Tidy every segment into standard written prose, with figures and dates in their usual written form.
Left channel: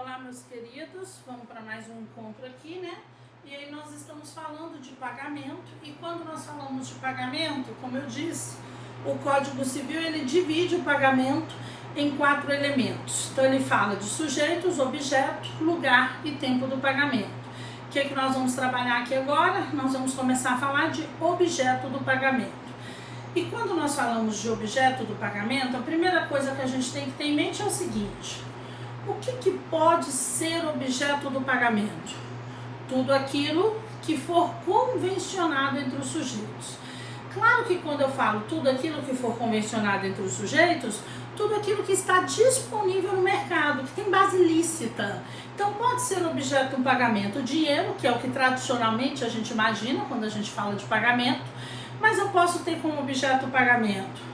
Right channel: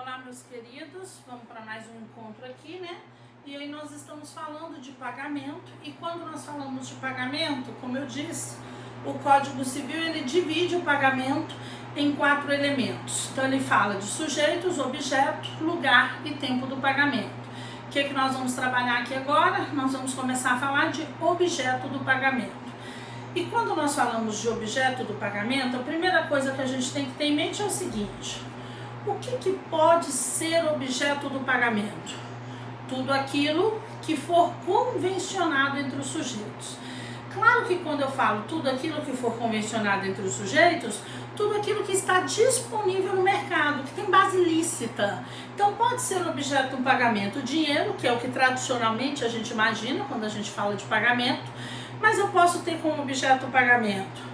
Olá, meus queridos, vamos para mais um encontro aqui, né? E aí nós estamos falando de pagamento, e quando nós falamos de pagamento, como eu disse, o Código Civil, ele divide o pagamento em 4 elementos. Então ele fala de sujeitos, objeto, lugar e tempo do pagamento. O que nós vamos trabalhar aqui agora? Nós vamos começar a falar de objeto do pagamento. E quando nós falamos de objeto do pagamento, a primeira coisa que a gente tem que ter em mente é o seguinte: o que pode ser objeto do pagamento? Tudo aquilo que for convencionado entre os sujeitos. Claro que quando eu falo tudo aquilo que for convencionado entre os sujeitos, tudo aquilo que está disponível no mercado, que tem base lícita. Então pode ser objeto do pagamento o dinheiro, que é o que tradicionalmente a gente imagina quando a gente fala de pagamento, mas eu posso ter como objeto do pagamento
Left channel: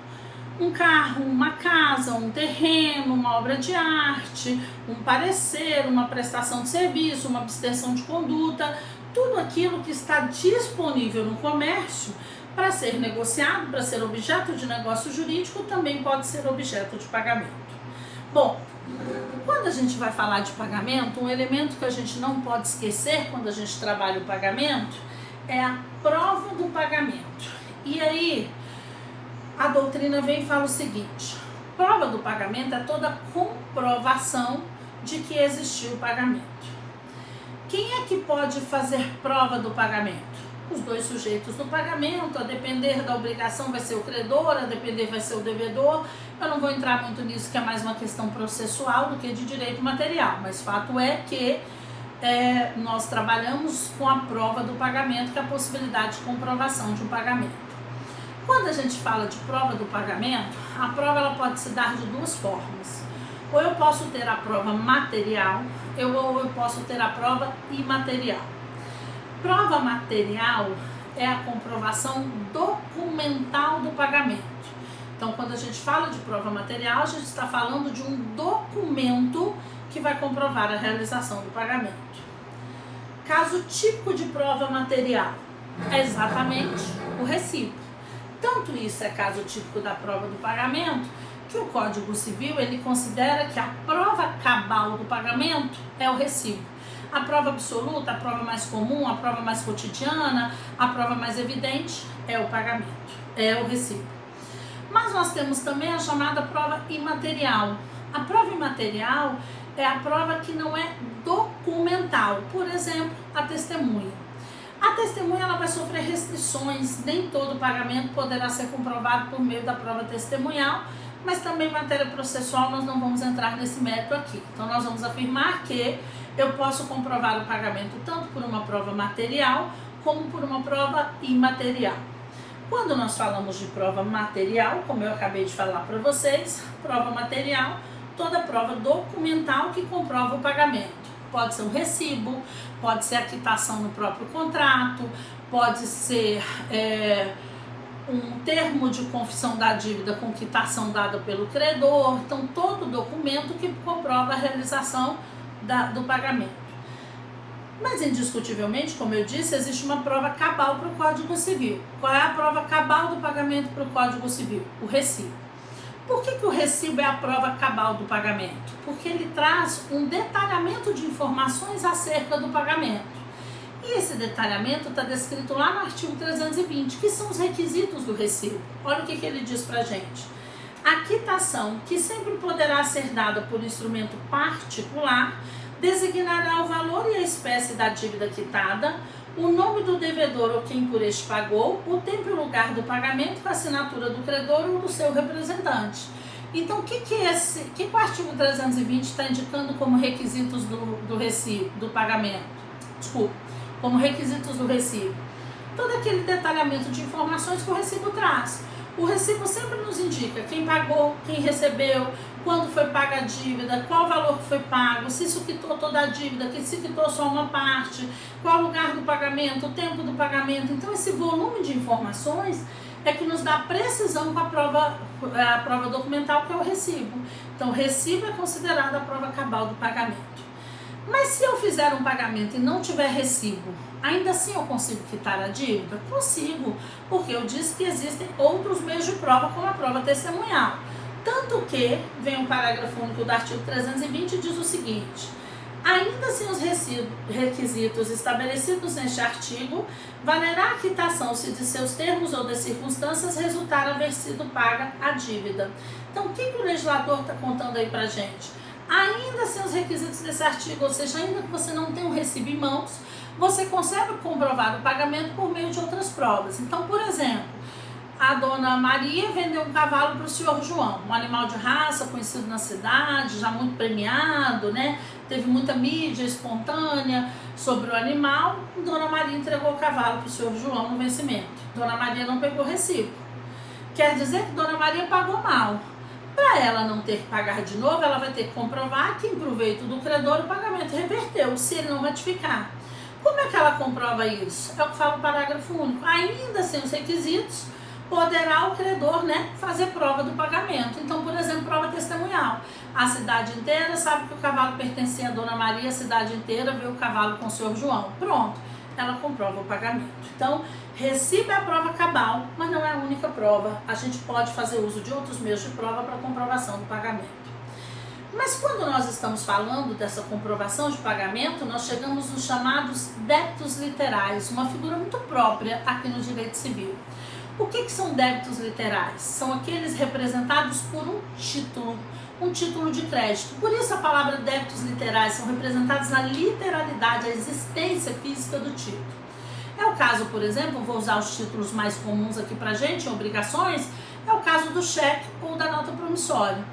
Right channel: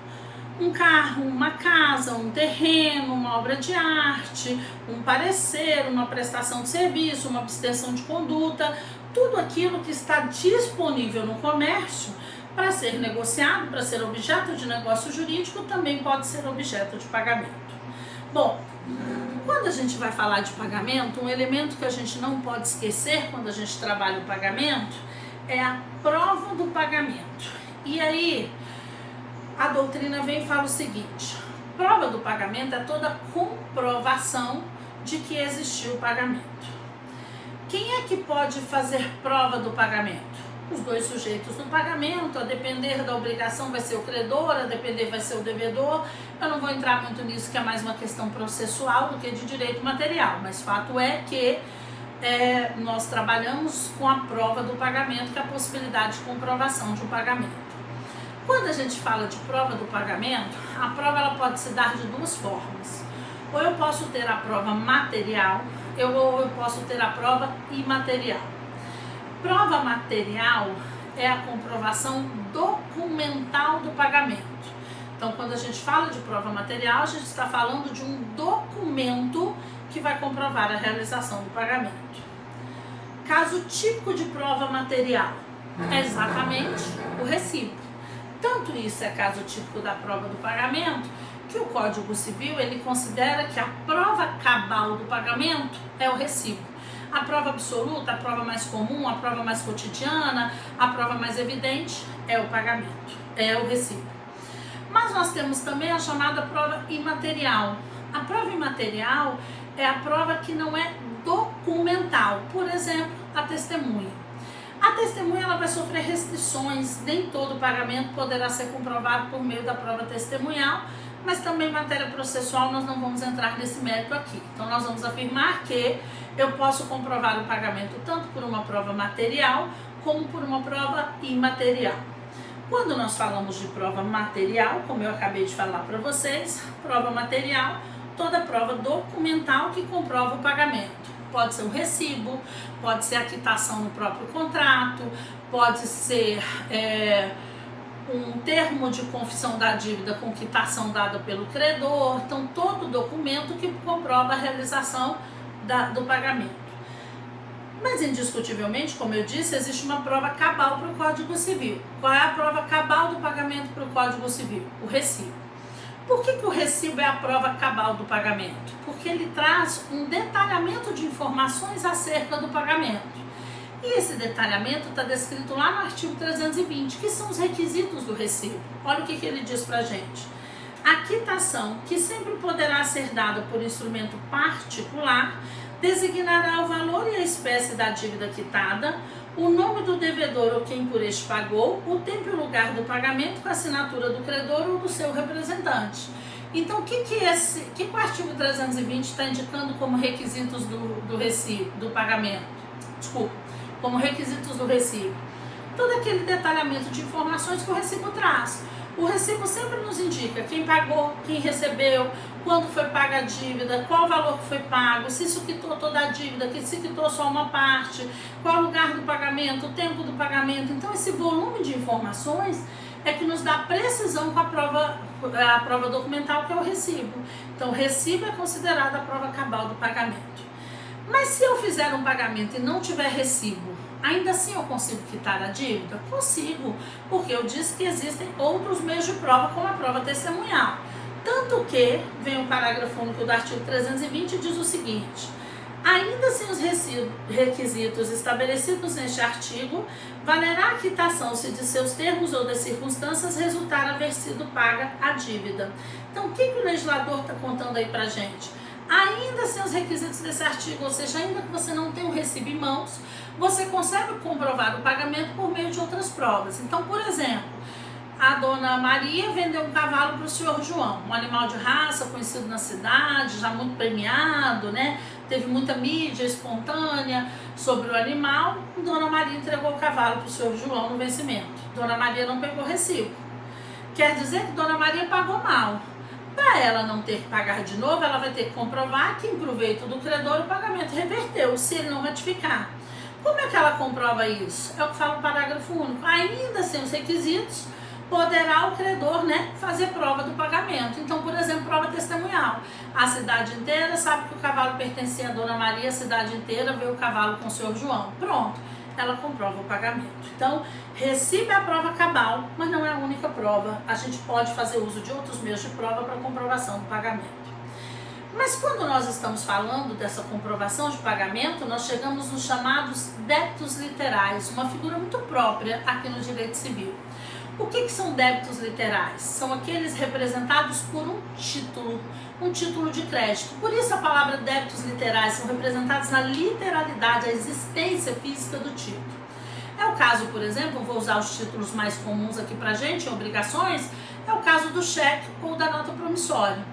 um carro, uma casa, um terreno, uma obra de arte, um parecer, uma prestação de serviço, uma abstenção de conduta, tudo aquilo que está disponível no comércio para ser negociado, para ser objeto de negócio jurídico, também pode ser objeto de pagamento. Bom, quando a gente vai falar de pagamento, um elemento que a gente não pode esquecer quando a gente trabalha o pagamento é a prova do pagamento. E aí, a doutrina vem e fala o seguinte: prova do pagamento é toda comprovação de que existiu o pagamento. Quem é que pode fazer prova do pagamento? Os dois sujeitos do pagamento. A depender da obrigação vai ser o credor, a depender vai ser o devedor. Eu não vou entrar muito nisso, que é mais uma questão processual do que de direito material, mas fato é que nós trabalhamos com a prova do pagamento, que é a possibilidade de comprovação de um pagamento. Quando a gente fala de prova do pagamento, a prova ela pode se dar de duas formas. Ou eu posso ter a prova material, ou eu posso ter a prova imaterial. Prova material é a comprovação documental do pagamento. Então, quando a gente fala de prova material, a gente está falando de um documento que vai comprovar a realização do pagamento. Caso típico de prova material é exatamente o recibo. Tanto isso é caso típico da prova do pagamento, que o Código Civil ele considera que a prova cabal do pagamento é o recibo. A prova absoluta, a prova mais comum, a prova mais cotidiana, a prova mais evidente é o pagamento, é o recibo. Mas nós temos também a chamada prova imaterial. A prova imaterial é a prova que não é documental. Por exemplo, a testemunha. A testemunha ela vai sofrer restrições, nem todo pagamento poderá ser comprovado por meio da prova testemunhal, mas também em matéria processual nós não vamos entrar nesse mérito aqui. Então nós vamos afirmar que eu posso comprovar o pagamento tanto por uma prova material como por uma prova imaterial. Quando nós falamos de prova material, como eu acabei de falar para vocês, prova material, toda prova documental que comprova o pagamento. Pode ser um recibo, pode ser a quitação no próprio contrato, pode ser um termo de confissão da dívida com quitação dada pelo credor. Então, todo documento que comprova a realização do pagamento. Mas, indiscutivelmente, como eu disse, existe uma prova cabal para o Código Civil. Qual é a prova cabal do pagamento para o Código Civil? O recibo. Por que o recibo é a prova cabal do pagamento? Porque ele traz um detalhamento de informações acerca do pagamento. E esse detalhamento está descrito lá no artigo 320, que são os requisitos do recibo. Olha o que ele diz para a gente. A quitação, que sempre poderá ser dada por instrumento particular, designará o valor e a espécie da dívida quitada, o nome do devedor ou quem por este pagou, o tempo e o lugar do pagamento com a assinatura do credor ou do seu representante. Então, o que o artigo 320 está indicando como requisitos do recibo, do pagamento? Desculpa, como requisitos do recibo. Todo aquele detalhamento de informações que o recibo traz. O recibo sempre nos indica quem pagou, quem recebeu, quando foi paga a dívida, qual o valor que foi pago, se isso quitou toda a dívida, se quitou só uma parte, qual o lugar do pagamento, o tempo do pagamento. Então, esse volume de informações é que nos dá precisão com a prova documental, que é o recibo. Então, o recibo é considerado a prova cabal do pagamento. Mas se eu fizer um pagamento e não tiver recibo, ainda assim eu consigo quitar a dívida? Consigo, porque eu disse que existem outros meios de prova, como a prova testemunhal. Tanto que vem o parágrafo único do artigo 320 e diz o seguinte: Ainda sem os requisitos estabelecidos neste artigo, valerá a quitação se de seus termos ou das circunstâncias resultar haver sido paga a dívida. Então, o que o legislador está contando aí pra gente? Ainda sem os requisitos desse artigo, ou seja, ainda que você não tenha um recibo em mãos, você consegue comprovar o pagamento por meio de outras provas. Então, por exemplo, a dona Maria vendeu um cavalo para o senhor João, um animal de raça conhecido na cidade, já muito premiado, né? Teve muita mídia espontânea sobre o animal. Dona Maria entregou o cavalo para o senhor João no vencimento. Dona Maria não pegou recibo. Quer dizer que Dona Maria pagou mal. Para ela não ter que pagar de novo, ela vai ter que comprovar que, em proveito do credor, o pagamento reverteu, se ele não ratificar. Como é que ela comprova isso? É o que fala o parágrafo único. Ainda sem os requisitos, poderá o credor, né, fazer prova do pagamento. Então, por exemplo, prova testemunhal. A cidade inteira sabe que o cavalo pertencia a Dona Maria, a cidade inteira vê o cavalo com o senhor João. Pronto, ela comprova o pagamento. Então, recibo é a prova cabal, mas não é a única prova. A gente pode fazer uso de outros meios de prova para comprovação do pagamento. Mas quando nós estamos falando dessa comprovação de pagamento, nós chegamos nos chamados débitos literais, uma figura muito própria aqui no direito civil. O que são débitos literais? São aqueles representados por um título de crédito. Por isso a palavra débitos literais são representados na literalidade, a existência física do título. É o caso, por exemplo, vou usar os títulos mais comuns aqui pra gente, obrigações, é o caso do cheque ou da nota promissória.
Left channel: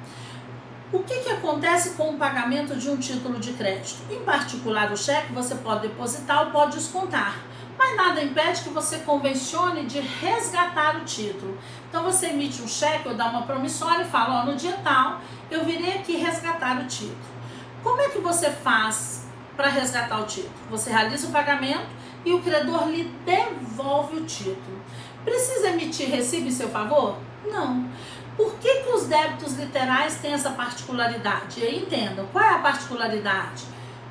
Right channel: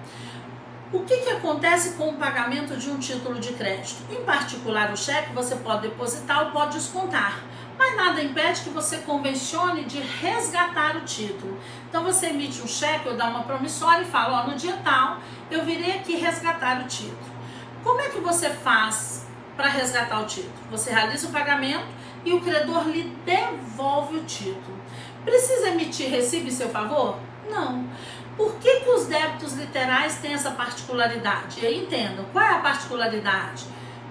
O que acontece com o pagamento de um título de crédito? Em particular, o cheque você pode depositar ou pode descontar, mas nada impede que você convencione de resgatar o título. Então você emite um cheque ou dá uma promissória e fala, ó, no dia tal eu virei aqui resgatar o título. Como é que você faz para resgatar o título? Você realiza o pagamento e o credor lhe devolve o título. Precisa emitir recibo em seu favor? Não. Por que os débitos literais têm essa particularidade? E aí entendam, qual é a particularidade?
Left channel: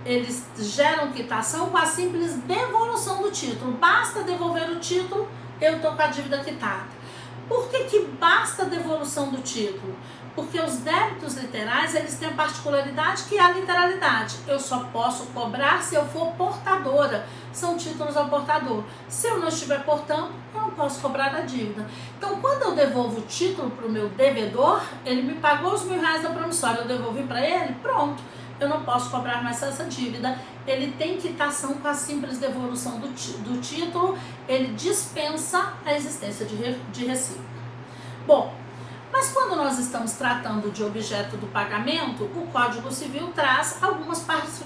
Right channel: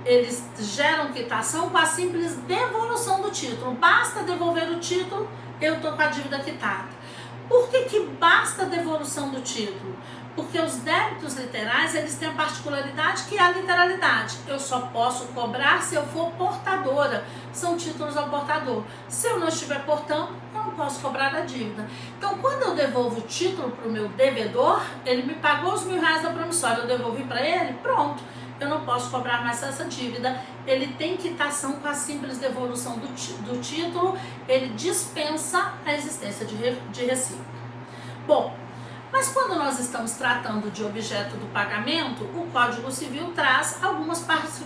Eles geram quitação com a simples devolução do título. Basta devolver o título, eu estou com a dívida quitada. Por que basta a devolução do título? Porque os débitos literais, eles têm a particularidade que é a literalidade. Eu só posso cobrar se eu for portadora. São títulos ao portador. Se eu não estiver portando, eu não posso cobrar a dívida. Então, quando eu devolvo o título para o meu devedor, ele me pagou os R$1.000 da promissória, eu devolvi para ele, pronto. Eu não posso cobrar mais essa dívida. Ele tem quitação com a simples devolução do título, ele dispensa a existência de recibo. Bom, mas quando nós estamos tratando de objeto do pagamento, o Código Civil traz algumas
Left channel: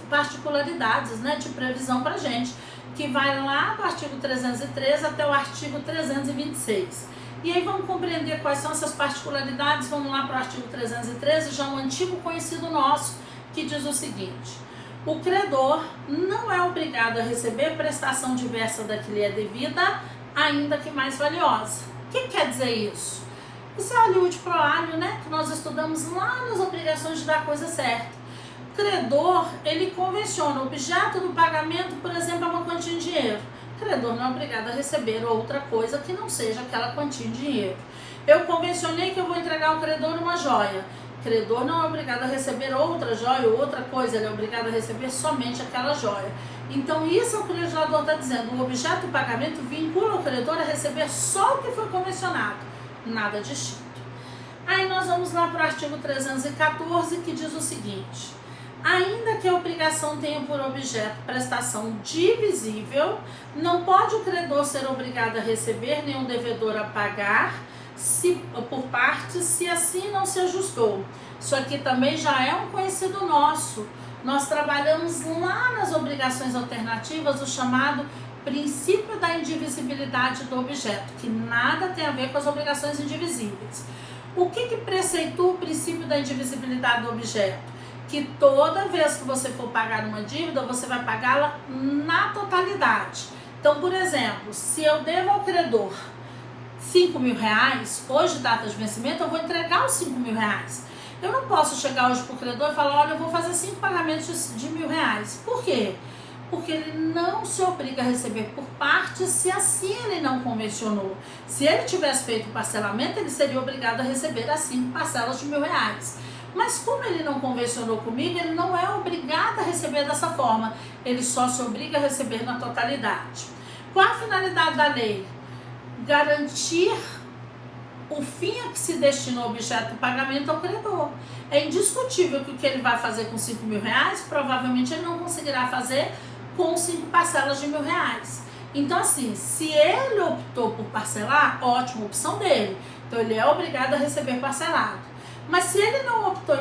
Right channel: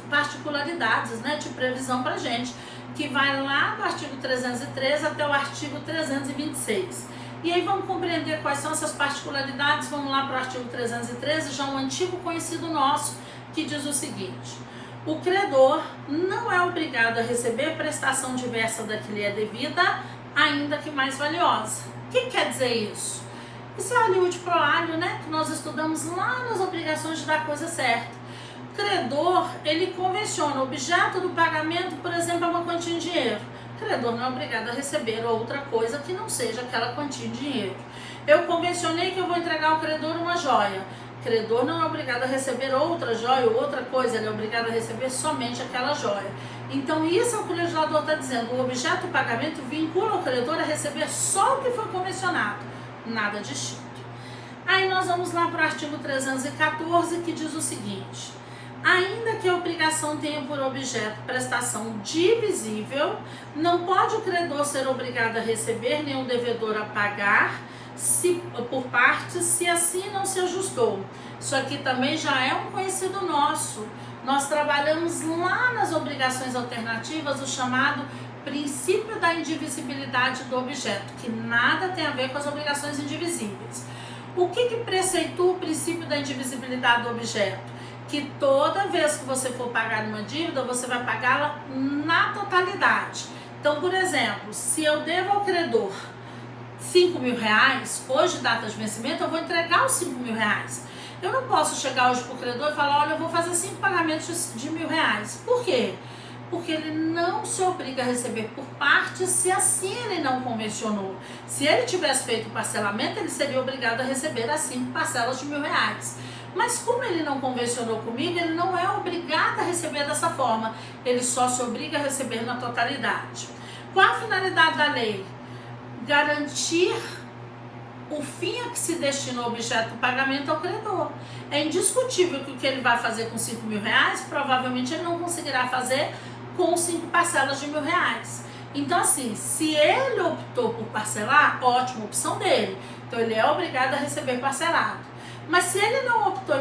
particularidades, né, de previsão para gente, que vai lá do artigo 313 até o artigo 326. E aí vamos compreender quais são essas particularidades. Vamos lá para o artigo 313, já um antigo conhecido nosso, que diz o seguinte: o credor não é obrigado a receber prestação diversa da que lhe é devida, ainda que mais valiosa. O que quer dizer isso? Isso é aliud pro alio, né? Que nós estudamos lá nas obrigações de dar coisa certa. O credor, ele convenciona o objeto do pagamento, por exemplo, é uma quantia em dinheiro. O credor não é obrigado a receber outra coisa que não seja aquela quantia em dinheiro. Eu convencionei que eu vou entregar ao credor uma joia. O credor não é obrigado a receber outra joia ou outra coisa, ele é obrigado a receber somente aquela joia. Então, isso é o que o legislador está dizendo. O objeto do pagamento vincula o credor a receber só o que foi convencionado, nada distinto. Aí nós vamos lá para o artigo 314, que diz o seguinte: ainda que a obrigação tenha por objeto prestação divisível, não pode o credor ser obrigado a receber nem o devedor a pagar por partes, se assim não se ajustou. Isso aqui também já é um conhecido nosso. Nós trabalhamos lá nas obrigações alternativas o chamado princípio da indivisibilidade do objeto, que nada tem a ver com as obrigações indivisíveis. O que preceitua o princípio da indivisibilidade do objeto? Que toda vez que você for pagar uma dívida, você vai pagá-la na totalidade. Então, por exemplo, se eu devo ao credor R$5.000, hoje, data de vencimento, eu vou entregar os R$5.000. Eu não posso chegar hoje para o credor e falar, olha, eu vou fazer 5 pagamentos de R$1.000. Por quê? Porque ele não se obriga a receber por partes se assim ele não convencionou. Se ele tivesse feito o parcelamento, ele seria obrigado a receber as 5 parcelas de R$1.000. Mas como ele não convencionou comigo, ele não é obrigado a receber receber dessa forma, ele só se obriga a receber na totalidade. Qual a finalidade da lei? Garantir o fim a que se destina o objeto do pagamento ao credor. É indiscutível que o que ele vai fazer com 5 mil reais, provavelmente ele não conseguirá fazer com 5 parcelas de R$1.000. Então, assim, se ele optou por parcelar, ótima opção dele. Então, ele é obrigado a receber parcelado. Mas se ele não optou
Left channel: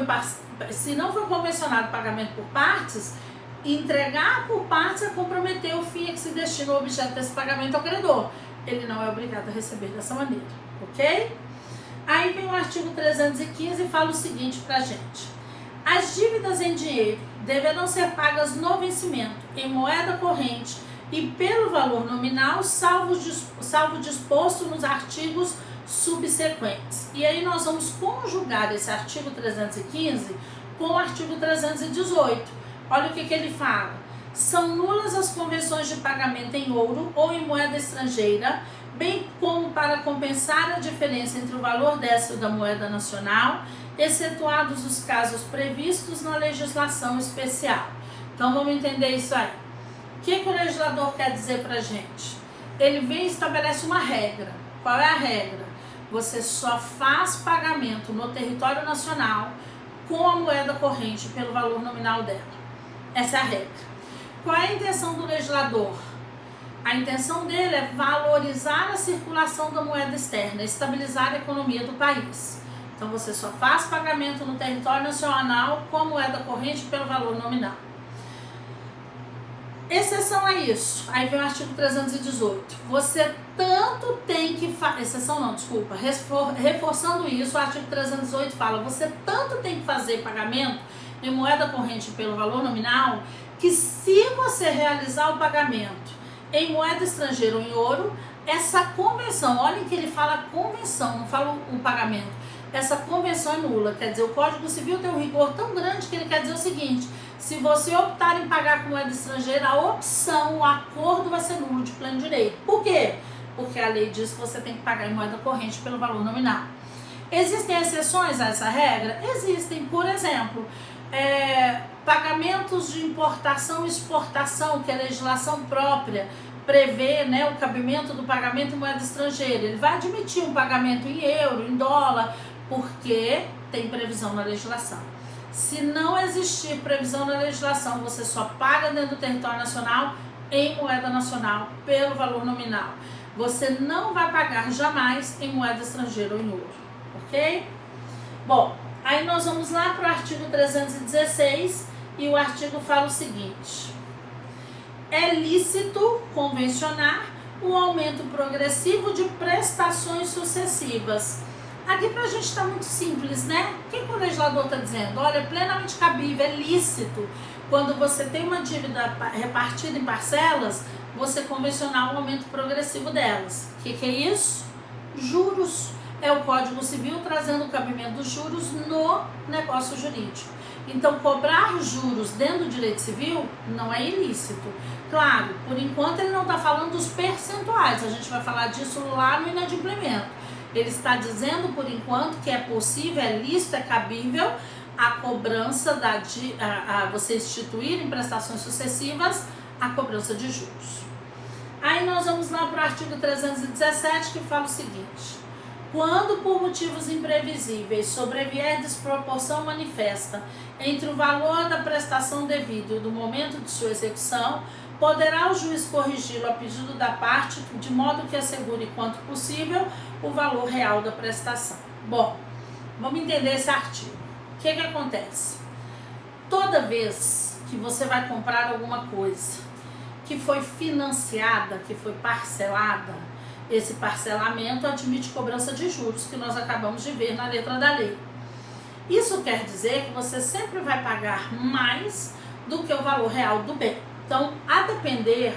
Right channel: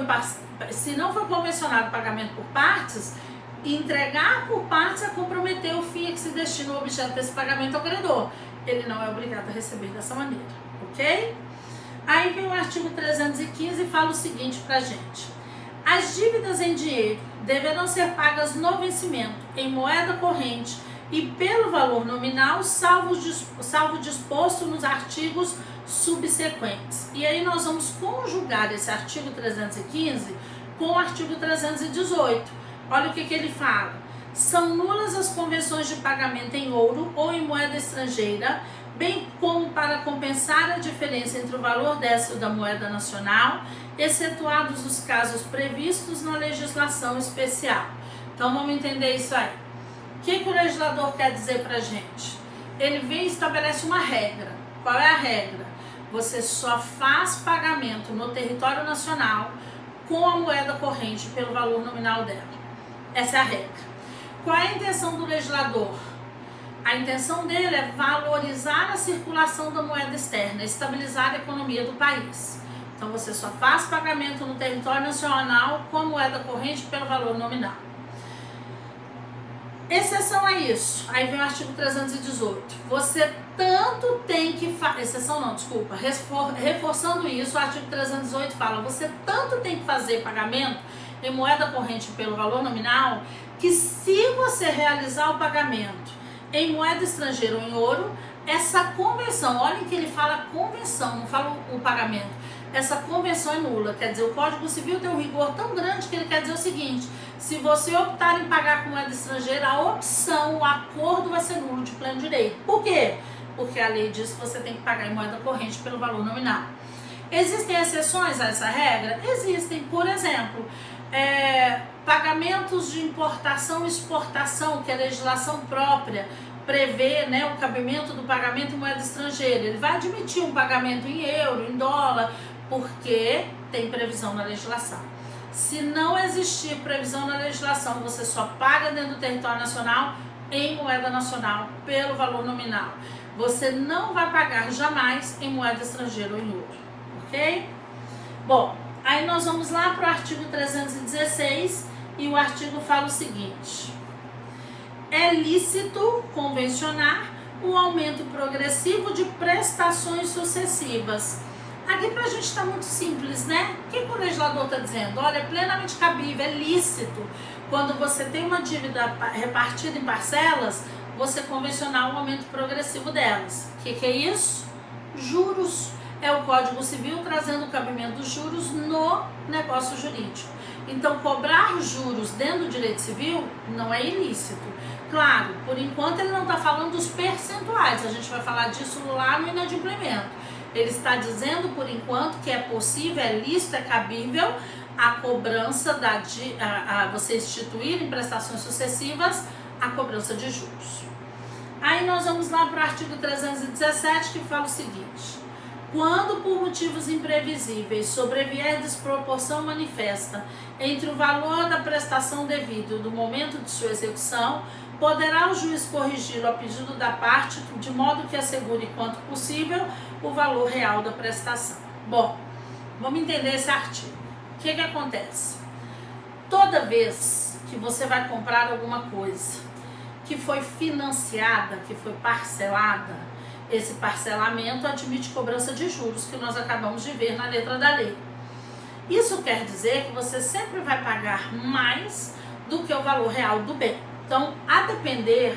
se não foi convencionado o pagamento por partes, entregar por partes é comprometer o fim a que se destina o objeto desse pagamento ao credor. Ele não é obrigado a receber dessa maneira, ok? Aí vem o artigo 315 e fala o seguinte pra gente. As dívidas em dinheiro deverão ser pagas no vencimento, em moeda corrente e pelo valor nominal, salvo disposto nos artigos subsequentes. E aí nós vamos conjugar esse artigo 315 com o artigo 318. Olha o que ele fala. São nulas as convenções de pagamento em ouro ou em moeda estrangeira, bem como para compensar a diferença entre o valor dessa e o da moeda nacional, excetuados os casos previstos na legislação especial. Então vamos entender isso aí. O que o legislador quer dizer pra gente? Ele vem e estabelece uma regra. Qual é a regra? Você só faz pagamento no território nacional com a moeda corrente pelo valor nominal dela. Essa é a regra. Qual é a intenção do legislador? A intenção dele é valorizar a circulação da moeda externa, estabilizar a economia do país. Então você só faz pagamento no território nacional com a moeda corrente pelo valor nominal. Exceção a isso, aí vem o artigo 318. Você tanto tem que exceção não, desculpa, reforçando isso, o artigo 318 fala, você tanto tem que fazer pagamento em moeda corrente pelo valor nominal, que se você realizar o pagamento em moeda estrangeira ou em ouro, essa convenção, olhem que ele fala convenção, não fala o pagamento, essa convenção é nula. Quer dizer, o Código Civil tem um rigor tão grande que ele quer dizer o seguinte: se você optar em pagar com moeda estrangeira, a opção, o acordo vai ser nulo de pleno direito. Por quê? Porque a lei diz que você tem que pagar em moeda corrente pelo valor nominal. Existem exceções a essa regra? Existem. Por exemplo, pagamentos de importação e exportação, que a legislação própria prevê, né, o cabimento do pagamento em moeda estrangeira. Ele vai admitir um pagamento em euro, em dólar, porque tem previsão na legislação. Se não existir previsão na legislação, você só paga dentro do território nacional em moeda nacional pelo valor nominal. Você não vai pagar jamais em moeda estrangeira ou em ouro, ok? Bom, aí nós vamos lá para o artigo 316 e o artigo fala o seguinte: é lícito convencionar um aumento progressivo de prestações sucessivas. Aqui pra gente tá muito simples, né? O que o legislador tá dizendo? Olha, é plenamente cabível, é lícito, quando você tem uma dívida repartida em parcelas, você convencionar um aumento progressivo delas. O que é isso? Juros. É o Código Civil trazendo o cabimento dos juros no negócio jurídico. Então, cobrar juros dentro do direito civil não é ilícito. Claro, por enquanto ele não está falando dos percentuais, a gente vai falar disso lá no inadimplemento. Ele está dizendo, por enquanto, que é possível, é lícito, é cabível a cobrança você instituir em prestações sucessivas a cobrança de juros. Aí nós vamos lá para o artigo 317, que fala o seguinte: quando por motivos imprevisíveis sobrevier desproporção manifesta entre o valor da prestação devida e do momento de sua execução, poderá o juiz corrigi-lo a pedido da parte, de modo que assegure quanto possível o valor real da prestação. Bom, vamos entender esse artigo. O que acontece? Toda vez que você vai comprar alguma coisa que foi financiada, que foi parcelada, esse parcelamento admite cobrança de juros, que nós acabamos de ver na letra da lei. Isso quer dizer que você sempre vai pagar mais do que o valor real do bem. Então, a depender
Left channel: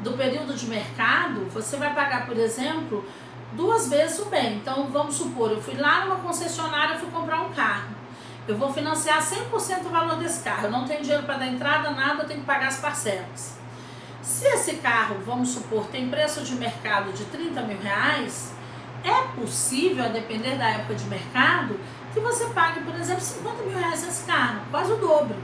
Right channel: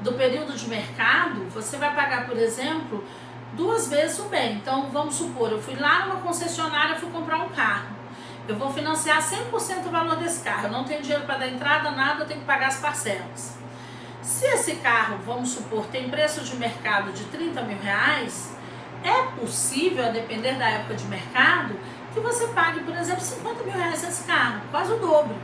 do período de mercado, você vai pagar, por exemplo, 2 vezes o bem. Então, vamos supor, eu fui lá numa concessionária, fui comprar um carro. Eu vou financiar 100% o valor desse carro. Eu não tenho dinheiro para dar entrada, nada, eu tenho que pagar as parcelas. Se esse carro, vamos supor, tem preço de mercado de 30 mil reais, é possível, a depender da época de mercado, que você pague, por exemplo, 50 mil reais nesse carro, quase o dobro.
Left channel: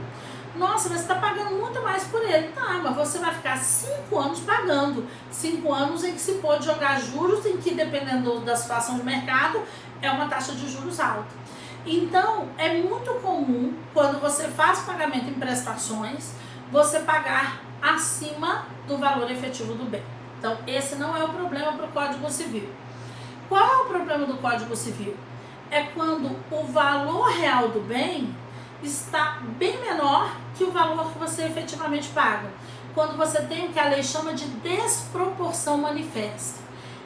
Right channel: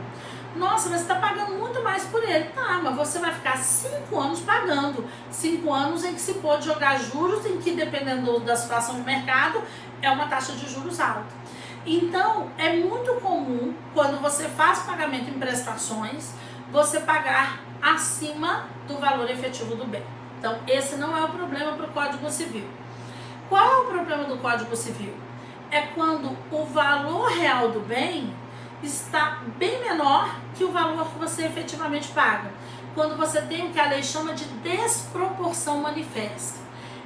Nossa, mas você está pagando muito mais por ele. Tá, mas você vai ficar 5 anos pagando. 5 anos em que se pode jogar juros, em que, dependendo da situação do mercado, é uma taxa de juros alta. Então, é muito comum, quando você faz pagamento em prestações, você pagar acima do valor efetivo do bem. Então, esse não é o problema para o Código Civil. Qual é o problema do Código Civil? É quando o valor real do bem está bem menor que o valor que você efetivamente paga. Quando você tem o que a lei chama de desproporção manifesta.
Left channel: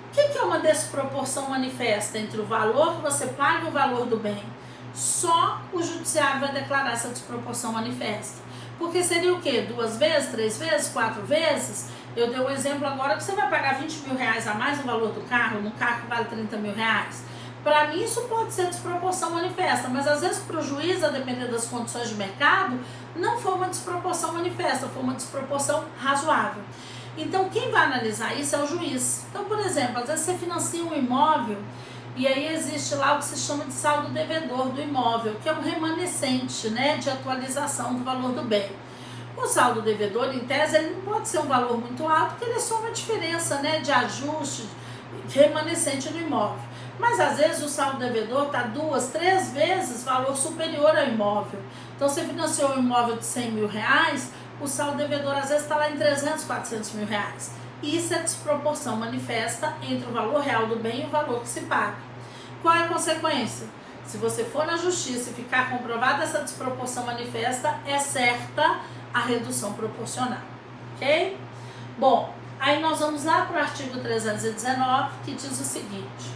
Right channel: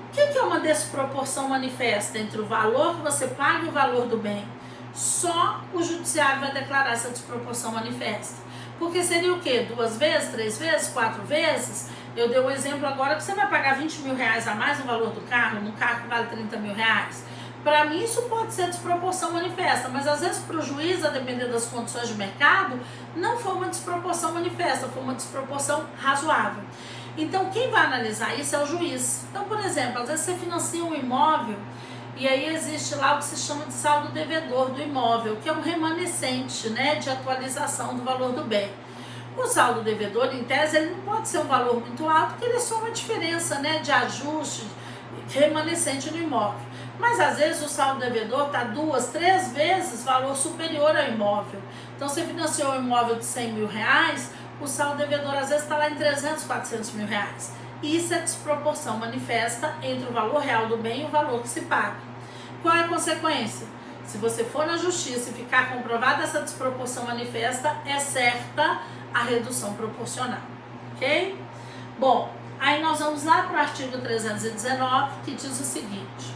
O que é uma desproporção manifesta entre o valor que você paga e o valor do bem? Só o judiciário vai declarar essa desproporção manifesta. Porque seria o quê? 2 vezes, 3 vezes, 4 vezes? Eu dei um exemplo agora que você vai pagar 20 mil reais a mais no valor do carro, num carro que vale 30 mil reais. Para mim isso pode ser desproporção manifesta, mas às vezes para o juiz, a depender das condições de mercado, não foi uma desproporção manifesta, foi uma desproporção razoável. Então quem vai analisar isso é o juiz. Então, por exemplo, às vezes você financia um imóvel e aí existe lá o que se chama de saldo devedor do imóvel, que é um remanescente, né, de atualização do valor do bem. O saldo devedor, em tese, ele não pode ser um valor muito alto, porque ele é só uma diferença, né, de ajuste remanescente no imóvel. Mas às vezes o saldo devedor está 2, 3 vezes valor superior ao imóvel. Então, você financiou um imóvel de 100 mil reais, o saldo devedor às vezes está lá em 300, 400 mil reais. Isso é desproporção manifesta entre o valor real do bem e o valor que se paga. Qual é a consequência? Se você for na justiça e ficar comprovada essa desproporção manifesta, é certa a redução proporcional, ok? Bom, aí nós vamos lá para o artigo 319, que diz o seguinte:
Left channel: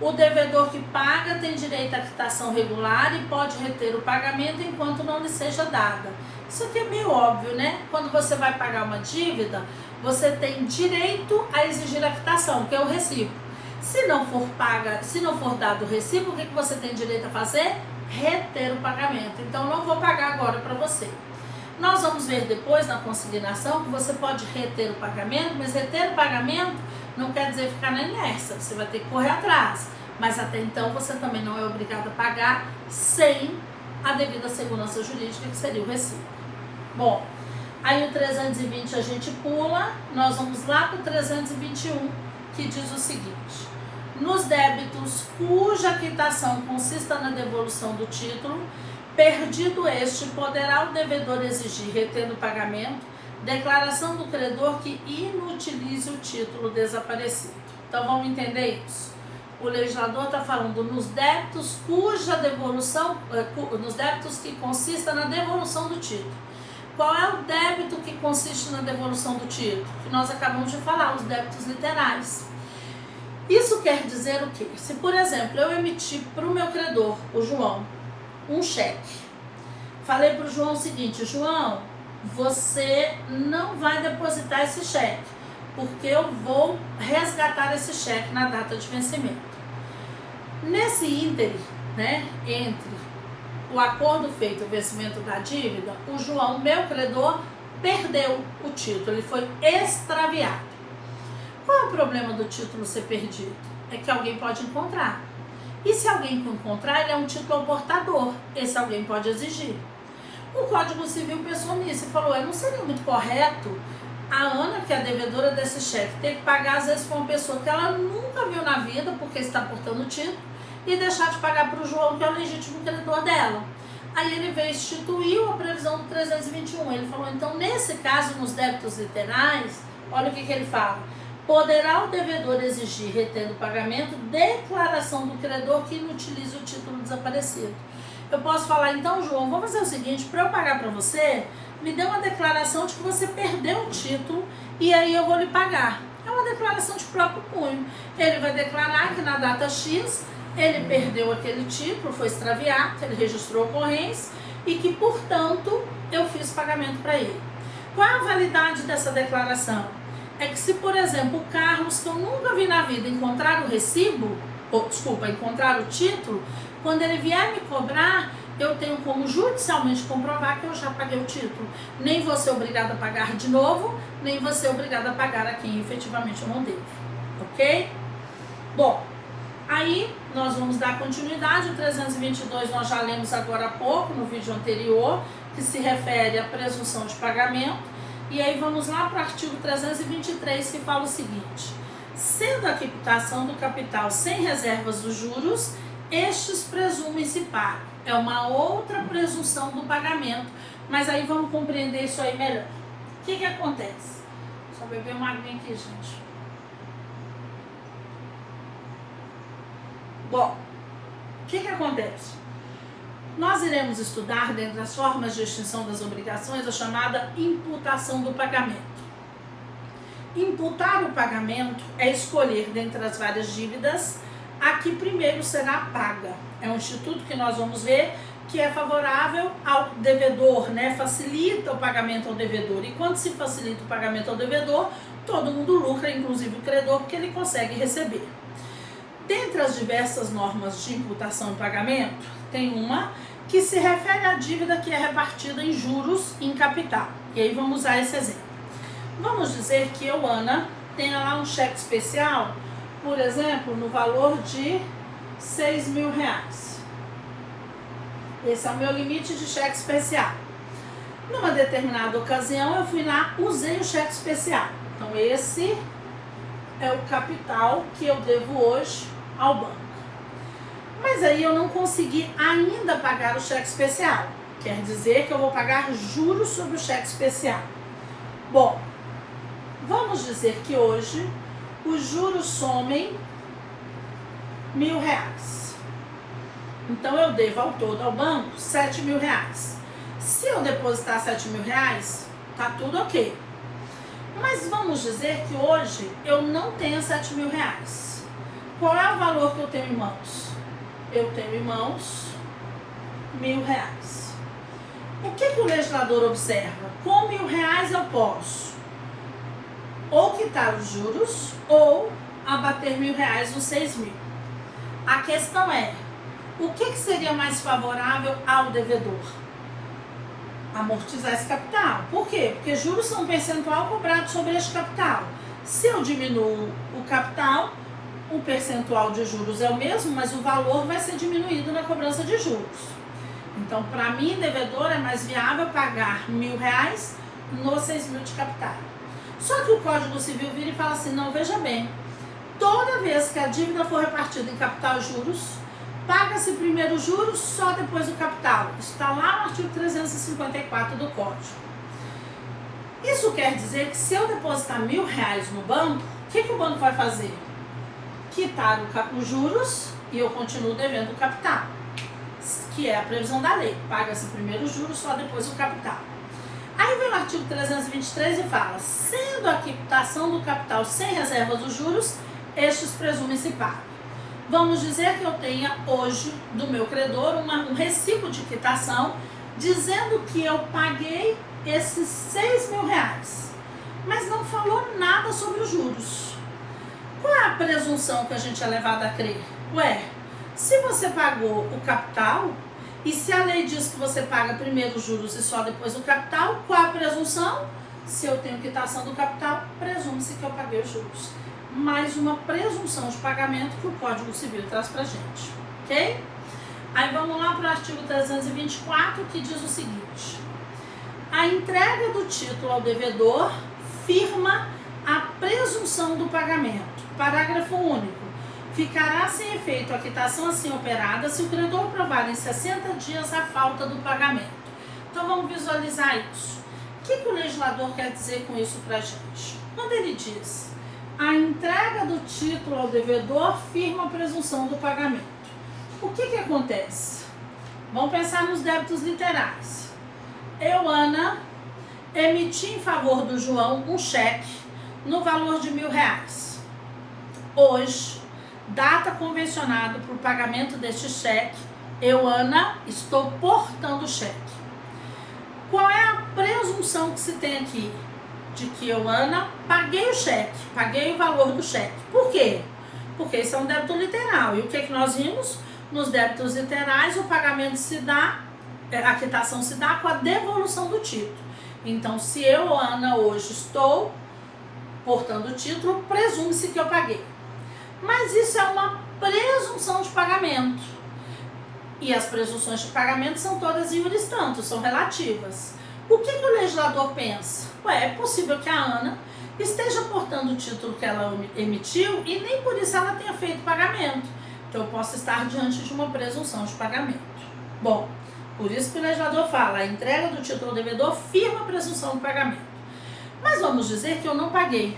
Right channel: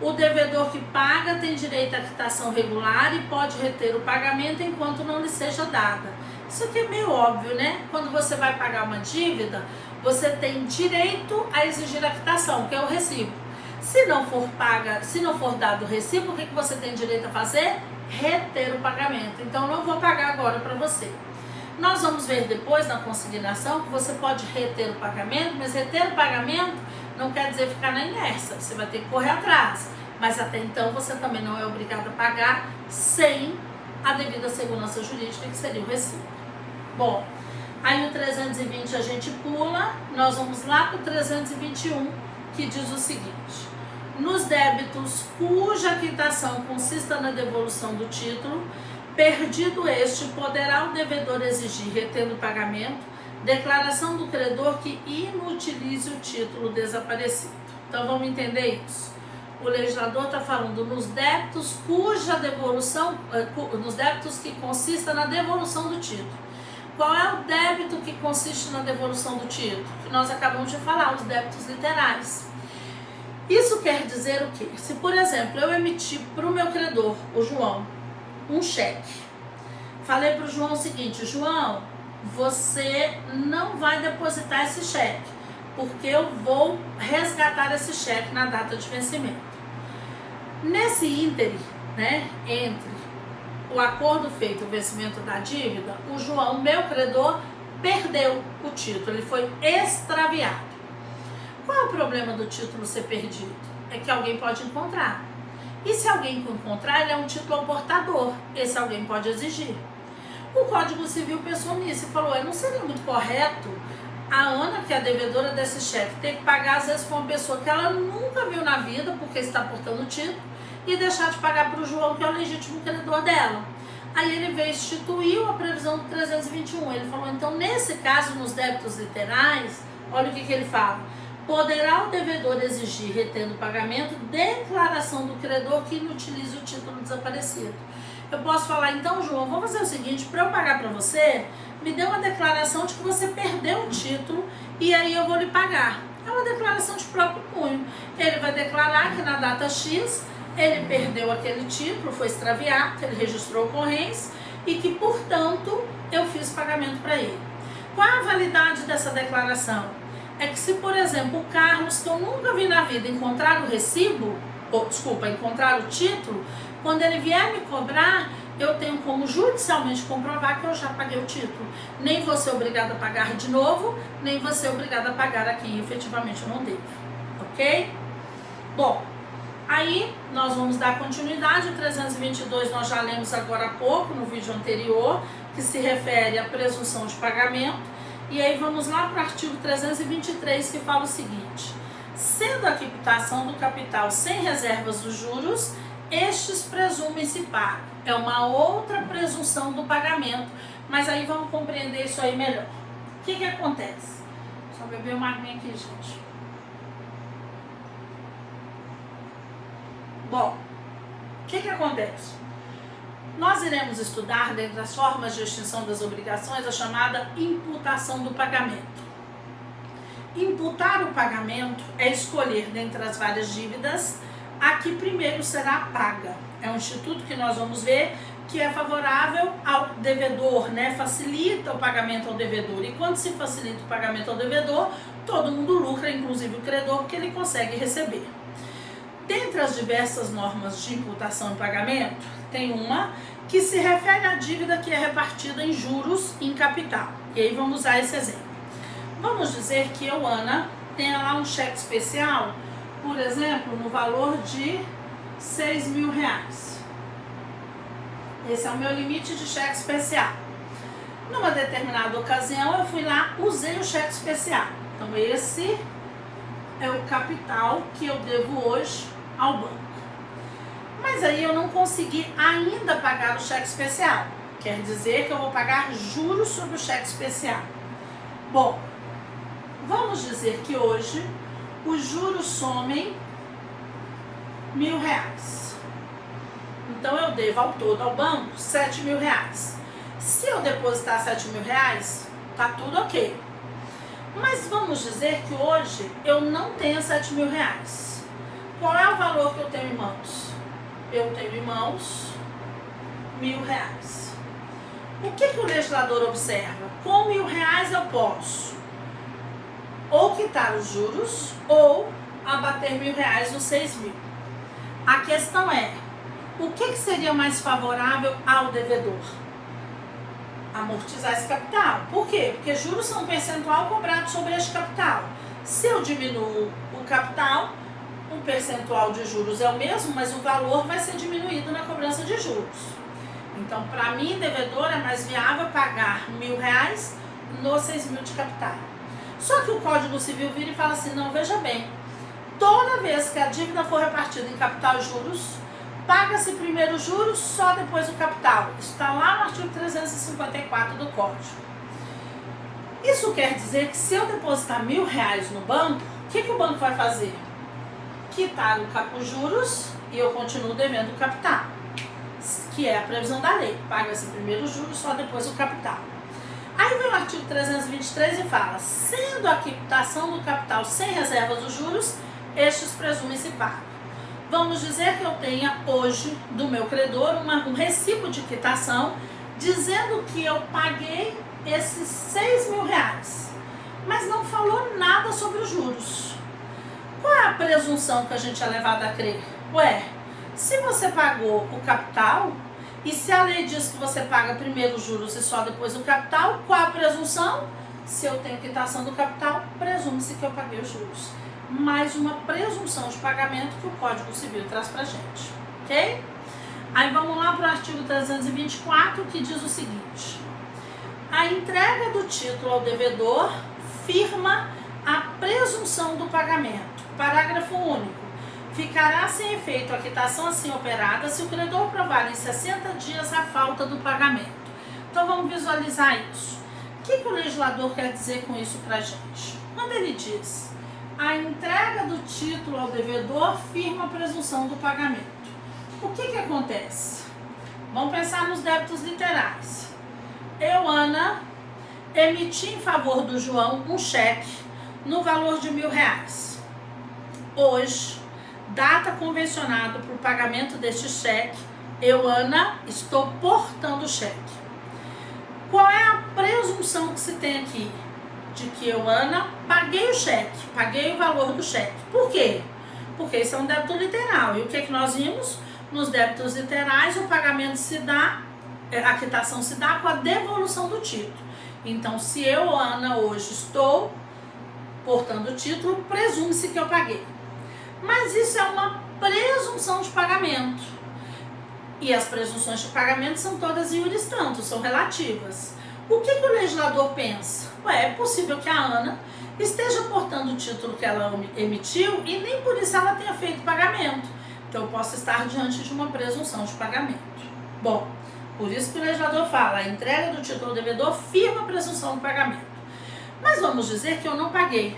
o devedor que paga tem direito à quitação regular e pode reter o pagamento enquanto não lhe seja dada. Isso aqui é meio óbvio, né? Quando você vai pagar uma dívida, você tem direito a exigir a quitação, que é o recibo. Se não for paga, se não for dado o recibo, o que você tem direito a fazer? Reter o pagamento. Então, não vou pagar agora para você. Nós vamos ver depois na consignação que você pode reter o pagamento, mas reter o pagamento não quer dizer ficar na inércia, você vai ter que correr atrás. Mas até então você também não é obrigado a pagar sem a devida segurança jurídica, que seria o recibo. Bom, aí o 320 a gente pula, nós vamos lá para o 321, que diz o seguinte: nos débitos cuja quitação consista na devolução do título, perdido este, poderá o devedor exigir, retendo o pagamento, declaração do credor que inutilize o título desaparecido. Então vamos entender isso. O legislador está falando nos débitos cuja devolução, nos débitos que consista na devolução do título. Qual é o débito que consiste na devolução do título? Que nós acabamos de falar, os débitos literais. Isso quer dizer o quê? Se, por exemplo, eu emiti para o meu credor, o João, um cheque. Falei para o João o seguinte: João, você não vai depositar esse cheque, porque eu vou resgatar esse cheque na data de vencimento. Nesse ínterim, né, entre o acordo feito e o vencimento da dívida, o João, meu credor, perdeu o título, ele foi extraviado. Qual é o problema do título ser perdido? É que alguém pode encontrar. E se alguém encontrar, ele é um título ao portador. Esse alguém pode exigir. O Código Civil pensou nisso e falou: não seria muito correto a Ana, que é a devedora desse cheque, ter que pagar às vezes para uma pessoa que ela nunca viu na vida, porque está portando o título, e deixar de pagar para o João, que é o legítimo credor dela. Aí ele veio, instituiu a previsão do 321. Ele falou: então, nesse caso, nos débitos literais, olha o que ele fala: poderá o devedor exigir, retendo o pagamento, declaração do credor que inutilize o título desaparecido. Eu posso falar: então, João, vamos fazer o seguinte, para eu pagar para você, me dê uma declaração de que você perdeu o título e aí eu vou lhe pagar. É uma declaração de próprio punho. Ele vai declarar que na data X ele perdeu aquele título, foi extraviado, ele registrou ocorrência e que, portanto, eu fiz pagamento para ele. Qual a validade dessa declaração? É que se, por exemplo, o Carlos, que eu nunca vi na vida, encontrar o recibo, encontrar o título, quando ele vier me cobrar, eu tenho como judicialmente comprovar que eu já paguei o título. Nem vou ser obrigada a pagar de novo, nem vou ser obrigada a pagar a quem efetivamente eu não devo. Ok? Bom, Aí, nós vamos dar continuidade. O 322 nós já lemos agora há pouco, no vídeo anterior, que se refere à presunção de pagamento. E aí, vamos lá para o artigo 323, que fala o seguinte: sendo a quitação do capital sem reservas dos juros, estes presumem-se pagos. É uma outra presunção do pagamento, mas aí vamos compreender isso aí melhor. O que acontece? Só beber uma aguinha aqui, gente. Bom, o que acontece? Nós iremos estudar, dentro das formas de extinção das obrigações, a chamada imputação do pagamento. Imputar o pagamento é escolher, dentre as várias dívidas, a que primeiro será paga. É um instituto que nós vamos ver que é favorável ao devedor, né? Facilita o pagamento ao devedor. E quando se facilita o pagamento ao devedor, todo mundo lucra, inclusive o credor, porque ele consegue receber. Dentre as diversas normas de imputação e pagamento, tem uma que se refere à dívida que é repartida em juros e em capital. E aí vamos usar esse exemplo. Vamos dizer que eu, Ana, tenha lá um cheque especial, por exemplo, no valor de R$6.000. Esse é o meu limite de cheque especial. Numa determinada ocasião, eu fui lá, usei o cheque especial. Então, esse é o capital que eu devo hoje ao banco. Mas aí eu não consegui ainda pagar o cheque especial. Quer dizer que eu vou pagar juros sobre o cheque especial. Bom, vamos dizer que hoje os juros somem R$1.000. Então eu devo ao todo ao banco R$7.000. Se eu depositar R$7.000, tá tudo ok. Mas vamos dizer que hoje eu não tenho R$7.000. Qual é o valor que eu tenho em mãos? Eu tenho em mãos R$1.000. O que o legislador observa? Com R$1.000 eu posso ou quitar os juros ou abater R$1.000 nos 6.000. A questão é, o que seria mais favorável ao devedor? Amortizar esse capital. Por quê? Porque juros são um percentual cobrado sobre este capital. Se eu diminuo o capital, o percentual de juros é o mesmo, mas o valor vai ser diminuído na cobrança de juros. Então, para mim, devedor, é mais viável pagar R$1.000 nos 6.000 de capital. Só que o Código Civil vira e fala assim, não, veja bem, toda vez que a dívida for repartida em capital e juros, paga-se primeiro os juros, só depois o capital. Isso está lá no artigo 354 do Código. Isso quer dizer que se eu depositar R$1.000 no banco, o que o banco vai fazer? Quitar os juros e eu continuo devendo o capital, que é a previsão da lei. Paga-se primeiro os juros, só depois o capital. Aí vem o artigo 323 e fala, sendo a quitação do capital sem reserva dos juros, estes presumem-se pagos. Vamos dizer que eu tenha hoje do meu credor um recibo de quitação dizendo que eu paguei esses R$6.000, mas não falou nada sobre os juros. Qual é a presunção que a gente é levado a crer? Ué, se você pagou o capital, e se a lei diz que você paga primeiro os juros e só depois o capital, qual a presunção? Se eu tenho quitação do capital, presume-se que eu paguei os juros. Mais uma presunção de pagamento que o Código Civil traz pra gente, ok? Aí vamos lá para o artigo 324, que diz o seguinte: a entrega do título ao devedor firma a presunção do pagamento. Parágrafo único. Ficará sem efeito a quitação assim operada se o credor provar em 60 dias a falta do pagamento. Então vamos visualizar isso. O que o legislador quer dizer com isso pra gente? Quando ele diz a entrega do título ao devedor firma a presunção do pagamento, o que acontece? Vamos pensar nos débitos literais. Eu, Ana, emiti em favor do João um cheque no valor de R$1.000. Hoje, data convencionada para o pagamento deste cheque, eu, Ana, estou portando o cheque. Qual é a presunção que se tem aqui? De que eu, Ana, paguei o cheque, paguei o valor do cheque. Por quê? Porque isso é um débito literal. E o que nós vimos? Nos débitos literais, o pagamento se dá, a quitação se dá com a devolução do título. Então, se eu, Ana, hoje estou portando o título, presume-se que eu paguei. Mas isso é uma presunção de pagamento. E as presunções de pagamento são todas iuris tanto, são relativas. O que o legislador pensa? É possível que a Ana esteja portando o título que ela emitiu e nem por isso ela tenha feito pagamento. Então eu posso estar diante de uma presunção de pagamento. Bom, por isso que o legislador fala, a entrega do título ao devedor firma a presunção de pagamento. Mas vamos dizer que eu não paguei,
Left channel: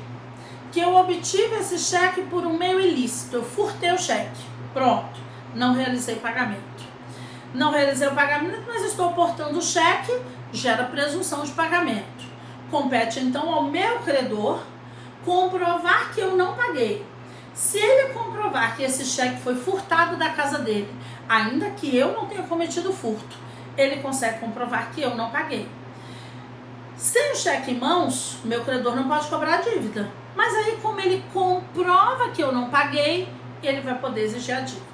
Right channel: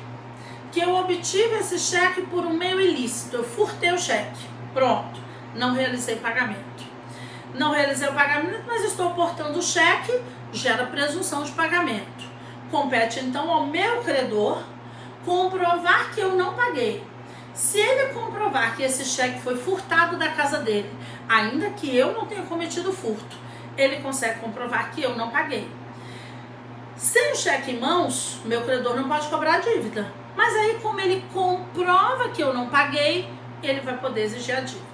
que eu obtive esse cheque por um meio ilícito, eu furtei o cheque, pronto, não realizei pagamento. Não realizei o pagamento, mas estou portando o cheque, gera presunção de pagamento. Compete então ao meu credor comprovar que eu não paguei. Se ele comprovar que esse cheque foi furtado da casa dele, ainda que eu não tenha cometido furto, ele consegue comprovar que eu não paguei. Sem o cheque em mãos, meu credor não pode cobrar a dívida. Mas aí, como ele comprova que eu não paguei, ele vai poder exigir a dívida.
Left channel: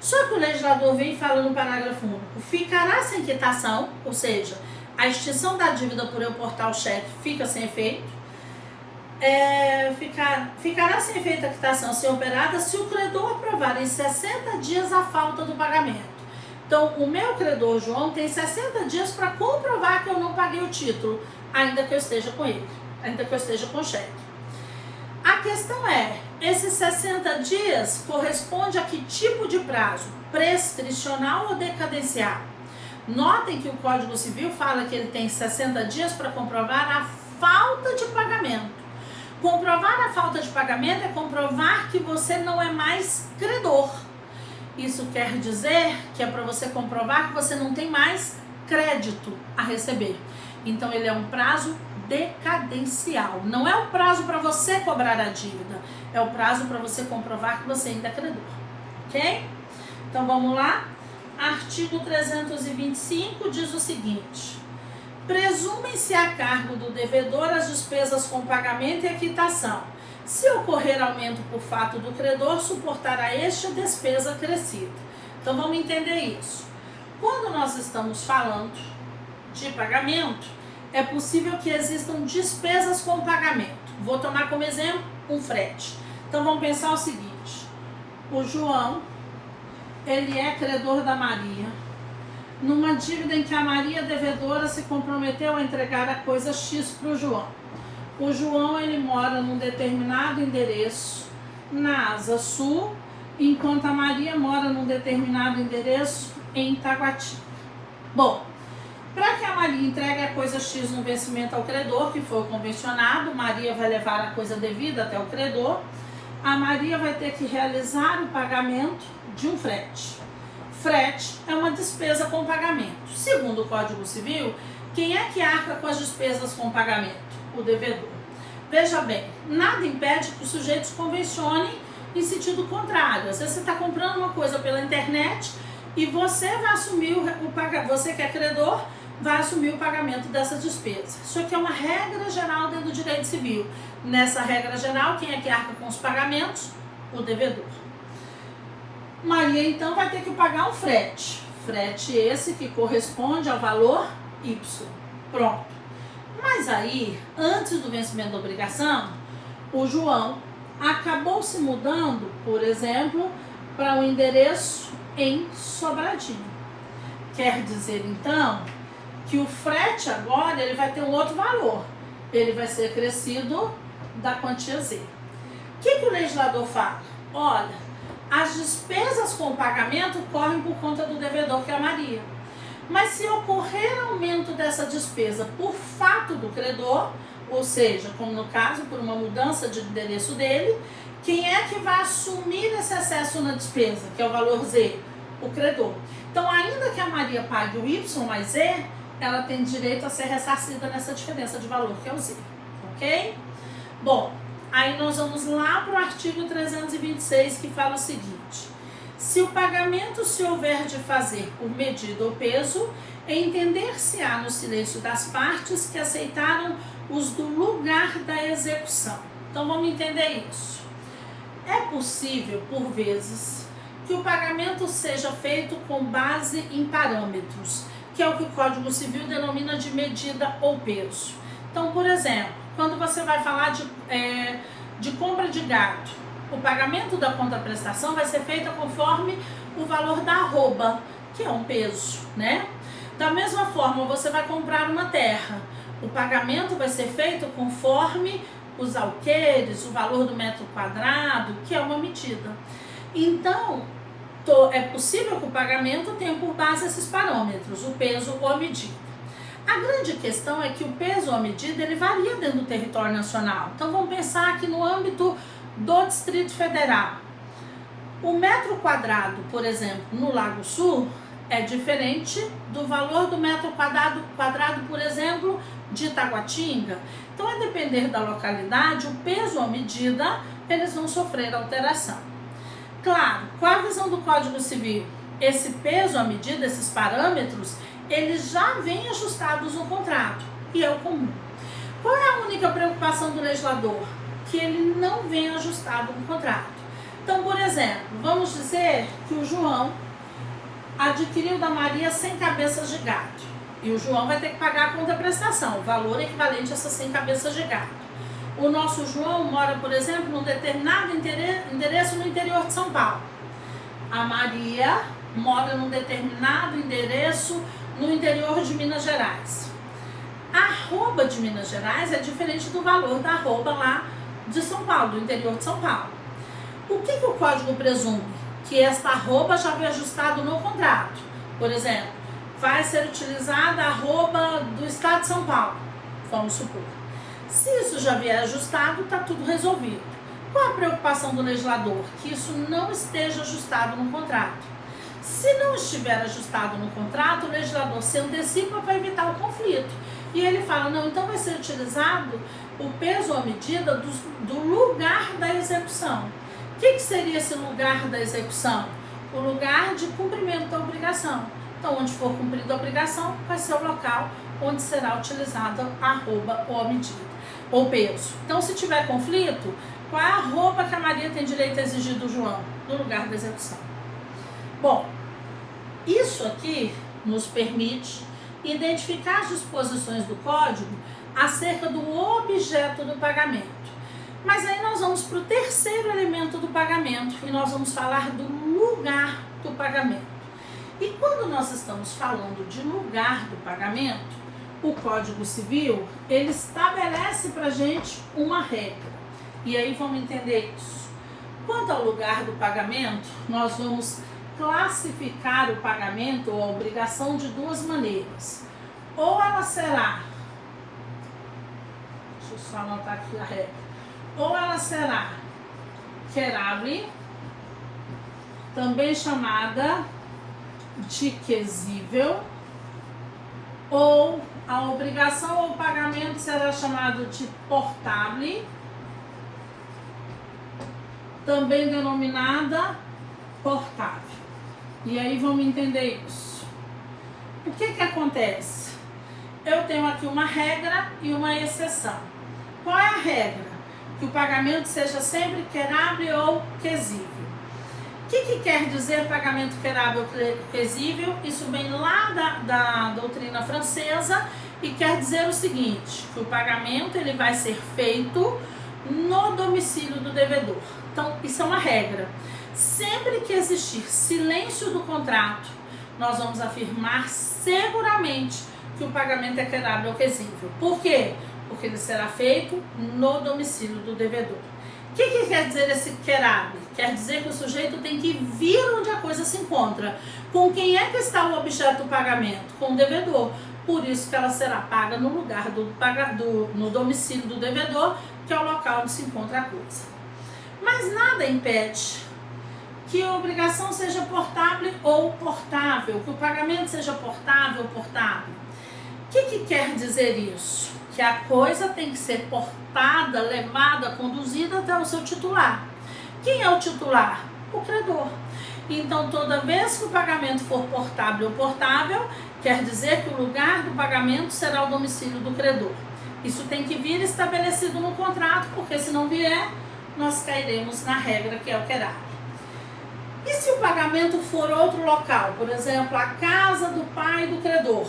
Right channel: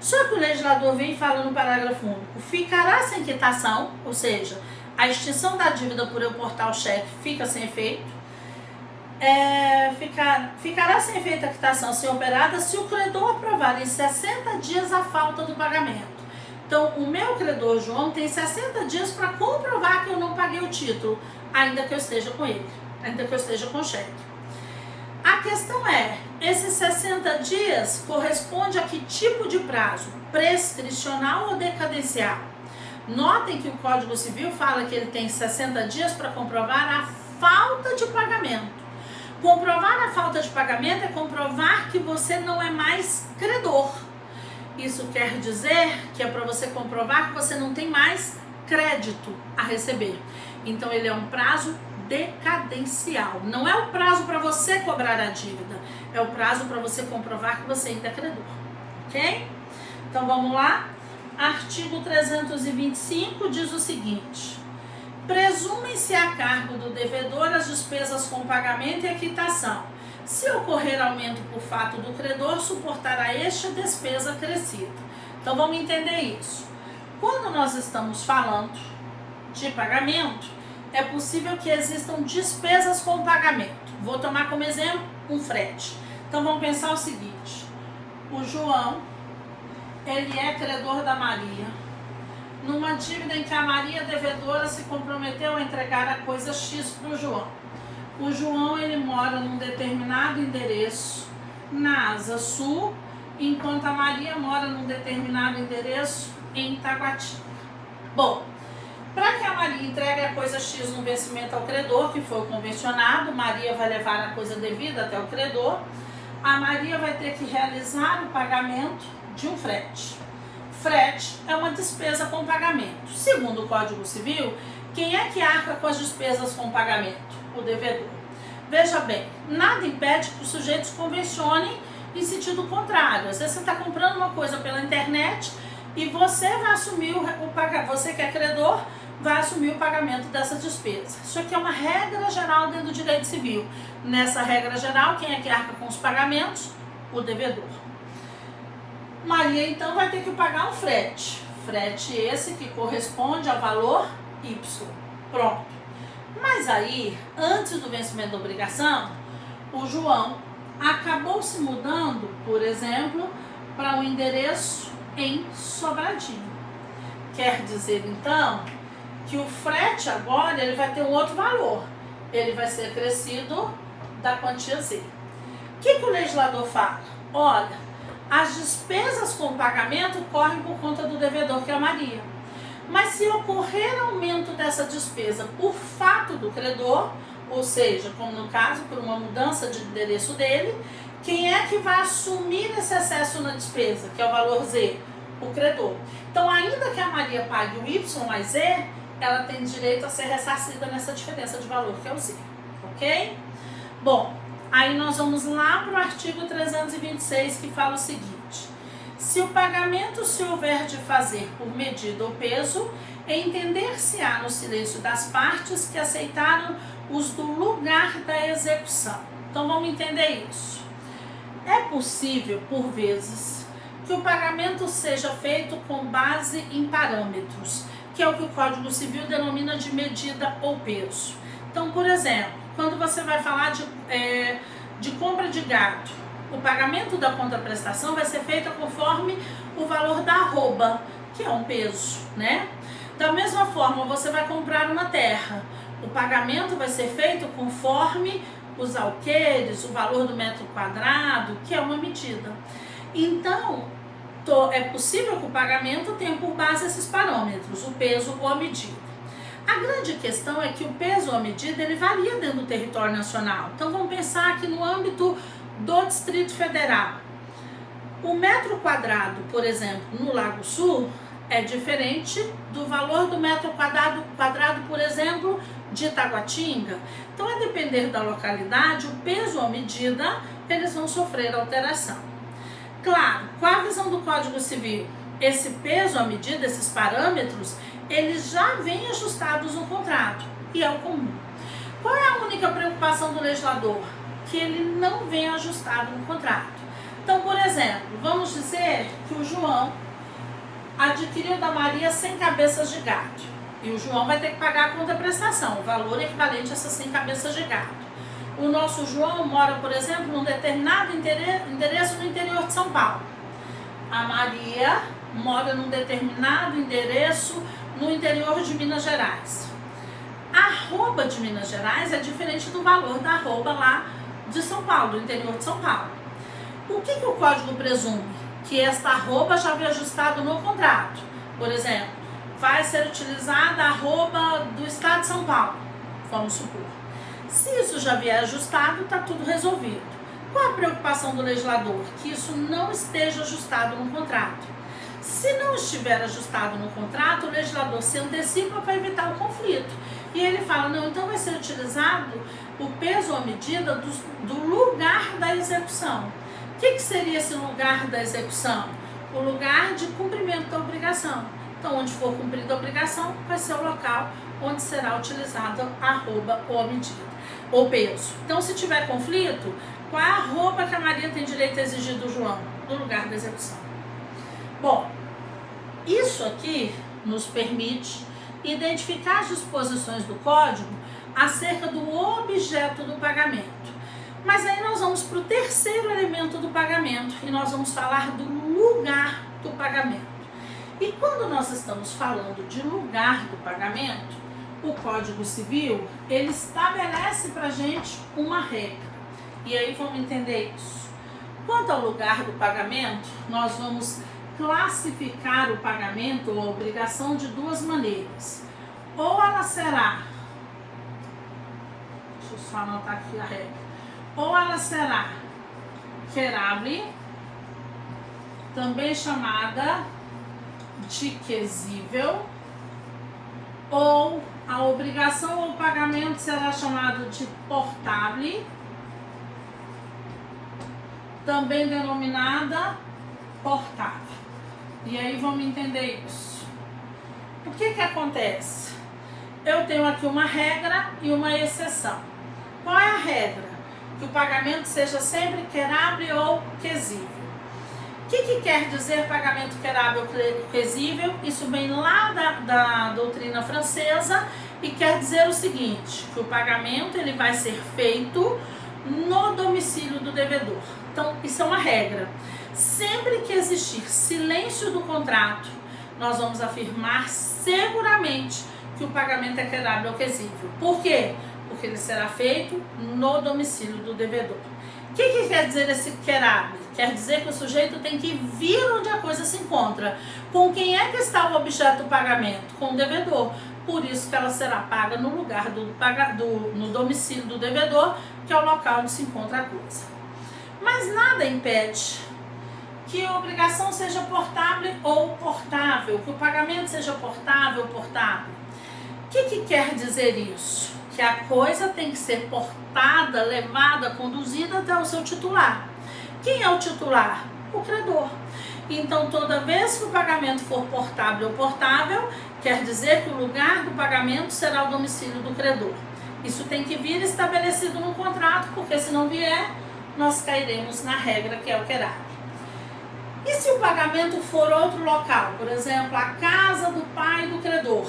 Só que o legislador vem falando no parágrafo único, ficará sem quitação, ou seja, a extinção da dívida por eu portar o cheque fica sem efeito. Ficará sem efeito a quitação se operada se o credor provar em 60 dias a falta do pagamento. Então, o meu credor João tem 60 dias para comprovar que eu não paguei o título, ainda que eu esteja com ele, ainda que eu esteja com o cheque. A questão é, esses 60 dias corresponde a que tipo de prazo? Prescricional ou decadencial? Notem que o Código Civil fala que ele tem 60 dias para comprovar a falta de pagamento. Comprovar a falta de pagamento é comprovar que você não é mais credor. Isso quer dizer que é para você comprovar que você não tem mais crédito a receber. Então, ele é um prazo decadencial. Não é o prazo para você cobrar a dívida, é o prazo para você comprovar que você ainda é credor. Ok? Então, vamos lá. Artigo 325 diz o seguinte: presumem-se a cargo do devedor as despesas com pagamento e a quitação. Se ocorrer aumento por fato do credor, suportará este a despesa acrescida. Então, vamos entender isso. Quando nós estamos falando de pagamento, é possível que existam despesas com pagamento. Vou tomar como exemplo um frete. Então, vamos pensar o seguinte. O João, ele é credor da Maria, numa dívida em que a Maria devedora se comprometeu a entregar a coisa X para o João. O João, ele mora num determinado endereço na Asa Sul, enquanto a Maria mora num determinado endereço em Itaguati. Bom, para que a Maria entregue a coisa X no vencimento ao credor, que foi o convencionado, Maria vai levar a coisa devida até o credor, a Maria vai ter que realizar o pagamento de um frete. Frete é uma despesa com pagamento. Segundo o Código Civil, quem é que arca com as despesas com pagamento? O devedor. Veja bem, nada impede que os sujeitos convencionem em sentido contrário. Às vezes você está comprando uma coisa pela internet e você vai assumir o pagamento, você que é credor, vai assumir o pagamento dessa despesa. Isso aqui é uma regra geral dentro do direito civil. Nessa regra geral, quem é que arca com os pagamentos? O devedor. Maria, então, vai ter que pagar um frete. Frete esse que corresponde ao valor Y. Pronto. Mas aí, antes do vencimento da obrigação, o João acabou se mudando, por exemplo, para um endereço em Sobradinho. Quer dizer, então, que o frete agora ele vai ter um outro valor. Ele vai ser acrescido da quantia Z. O que o legislador fala? Olha, as despesas com pagamento correm por conta do devedor, que é a Maria. Mas se ocorrer aumento dessa despesa por fato do credor, ou seja, como no caso, por uma mudança de endereço dele, quem é que vai assumir esse excesso na despesa, que é o valor Z? O credor. Então, ainda que a Maria pague o Y mais Z, ela tem direito a ser ressarcida nessa diferença de valor, que é o Z. Ok? Bom, aí nós vamos lá para o artigo 326, que fala o seguinte: se o pagamento se houver de fazer por medida ou peso, entender-se-á no silêncio das partes que aceitaram os do lugar da execução. Então vamos entender isso. É possível, por vezes, que o pagamento seja feito com base em parâmetros, que é o que o Código Civil denomina de medida ou peso. Então, por exemplo, quando você vai falar de compra de gado, o pagamento da contraprestação vai ser feito conforme o valor da arroba, que é um peso, né? Da mesma forma, você vai comprar uma terra, o pagamento vai ser feito conforme os alqueires, o valor do metro quadrado, que é uma medida. Então, é possível que o pagamento tenha por base esses parâmetros, o peso ou a medida. A grande questão é que o peso ou a medida, ele varia dentro do território nacional. Então, vamos pensar aqui no âmbito do Distrito Federal. O metro quadrado, por exemplo, no Lago Sul, é diferente do valor do metro quadrado, por exemplo, de Itaguatinga. Então, a depender da localidade, o peso ou a medida, eles vão sofrer alteração. Claro, com a visão do Código Civil, esse peso ou a medida, esses parâmetros, eles já vêm ajustados no contrato, e é o comum. Qual é a única preocupação do legislador? Que ele não vem ajustado no contrato. Então, por exemplo, vamos dizer que o João adquiriu da Maria 100 cabeças de gado. E o João vai ter que pagar a contraprestação, o valor equivalente a essas 100 cabeças de gado. O nosso João mora, por exemplo, num determinado endereço no interior de São Paulo. A Maria mora num determinado endereço no interior de Minas Gerais. A arroba de Minas Gerais é diferente do valor da arroba lá de São Paulo, do interior de São Paulo. O que o Código presume? Que esta arroba já veio ajustado no contrato. Por exemplo, vai ser utilizada a arroba do Estado de São Paulo, vamos supor. Se isso já vier ajustado, está tudo resolvido. Qual a preocupação do legislador? Que isso não esteja ajustado no contrato. Se não estiver ajustado no contrato, o legislador se antecipa para evitar o conflito. E ele fala, não, então vai ser utilizado o peso ou a medida do lugar da execução. O que seria esse lugar da execução? O lugar de cumprimento da obrigação. Então, onde for cumprida a obrigação, vai ser o local onde será utilizada a arroba ou a medida, ou peso. Então, se tiver conflito, qual é a arroba que a Maria tem direito a exigir do João? No lugar da execução. Bom, isso aqui nos permite identificar as disposições do Código acerca do objeto do pagamento. Mas aí nós vamos para o terceiro elemento do pagamento e nós vamos falar do lugar do pagamento. E quando nós estamos falando de lugar do pagamento, o Código Civil, ele estabelece para a gente uma regra. E aí vamos entender isso. Quanto ao lugar do pagamento, nós vamos classificar o pagamento ou a obrigação de duas maneiras. Ou ela será, deixa eu só anotar aqui a regra, ou ela será querável, também chamada de quesível, ou a obrigação ou pagamento será chamado de portável, também denominada portável. E aí vamos entender isso. O que acontece? Eu tenho aqui uma regra e uma exceção. Qual é a regra? Que o pagamento seja sempre querável ou quesível. O que quer dizer pagamento querável ou quesível? Isso vem lá da doutrina francesa e quer dizer o seguinte, que o pagamento ele vai ser feito no domicílio do devedor. Então, isso é uma regra. Sempre que existir silêncio do contrato, nós vamos afirmar seguramente que o pagamento é querável ou quesível. Por quê? Porque ele será feito no domicílio do devedor. O que quer dizer esse querável? Quer dizer que o sujeito tem que vir onde a coisa se encontra. Com quem é que está o objeto do pagamento? Com o devedor. Por isso que ela será paga no lugar no domicílio do devedor, que é o local onde se encontra a coisa. Mas nada impede que a obrigação seja portável ou portável, que o pagamento seja portável ou portável. O que quer dizer isso? Que a coisa tem que ser portada, levada, conduzida até o seu titular. Quem é o titular? O credor. Então, toda vez que o pagamento for portável ou portável, quer dizer que o lugar do pagamento será o domicílio do credor. Isso tem que vir estabelecido no contrato, porque se não vier, nós cairemos na regra que é o querável. E se o pagamento for outro local, por exemplo, a casa do pai do credor,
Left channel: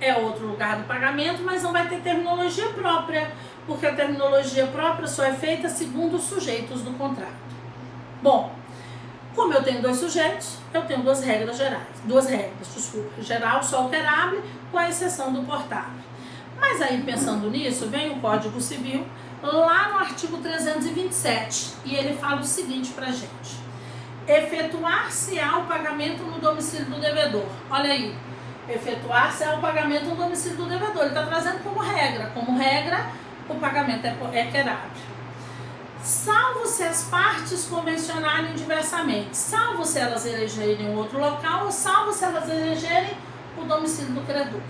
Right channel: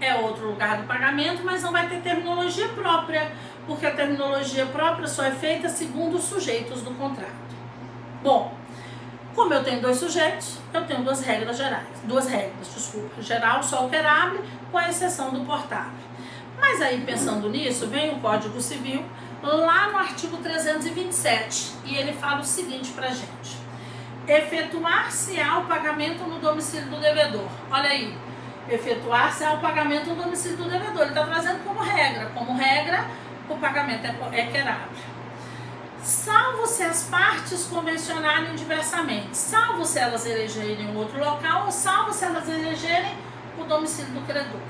é outro lugar do pagamento, mas não vai ter terminologia própria, porque a terminologia própria só é feita segundo os sujeitos do contrato. Bom, como eu tenho dois sujeitos, eu tenho duas regras gerais. Geral, só operável, com a exceção do portável. Mas aí, pensando nisso, vem o Código Civil, lá no artigo 327, e ele fala o seguinte pra gente: efetuar-se-á o pagamento no domicílio do devedor. Olha aí, efetuar-se-á o pagamento no domicílio do devedor. Ele está trazendo como regra. Como regra, o pagamento é querável. Salvo se as partes convencionarem diversamente, salvo se elas elegerem outro local, ou salvo se elas elegerem o domicílio do credor.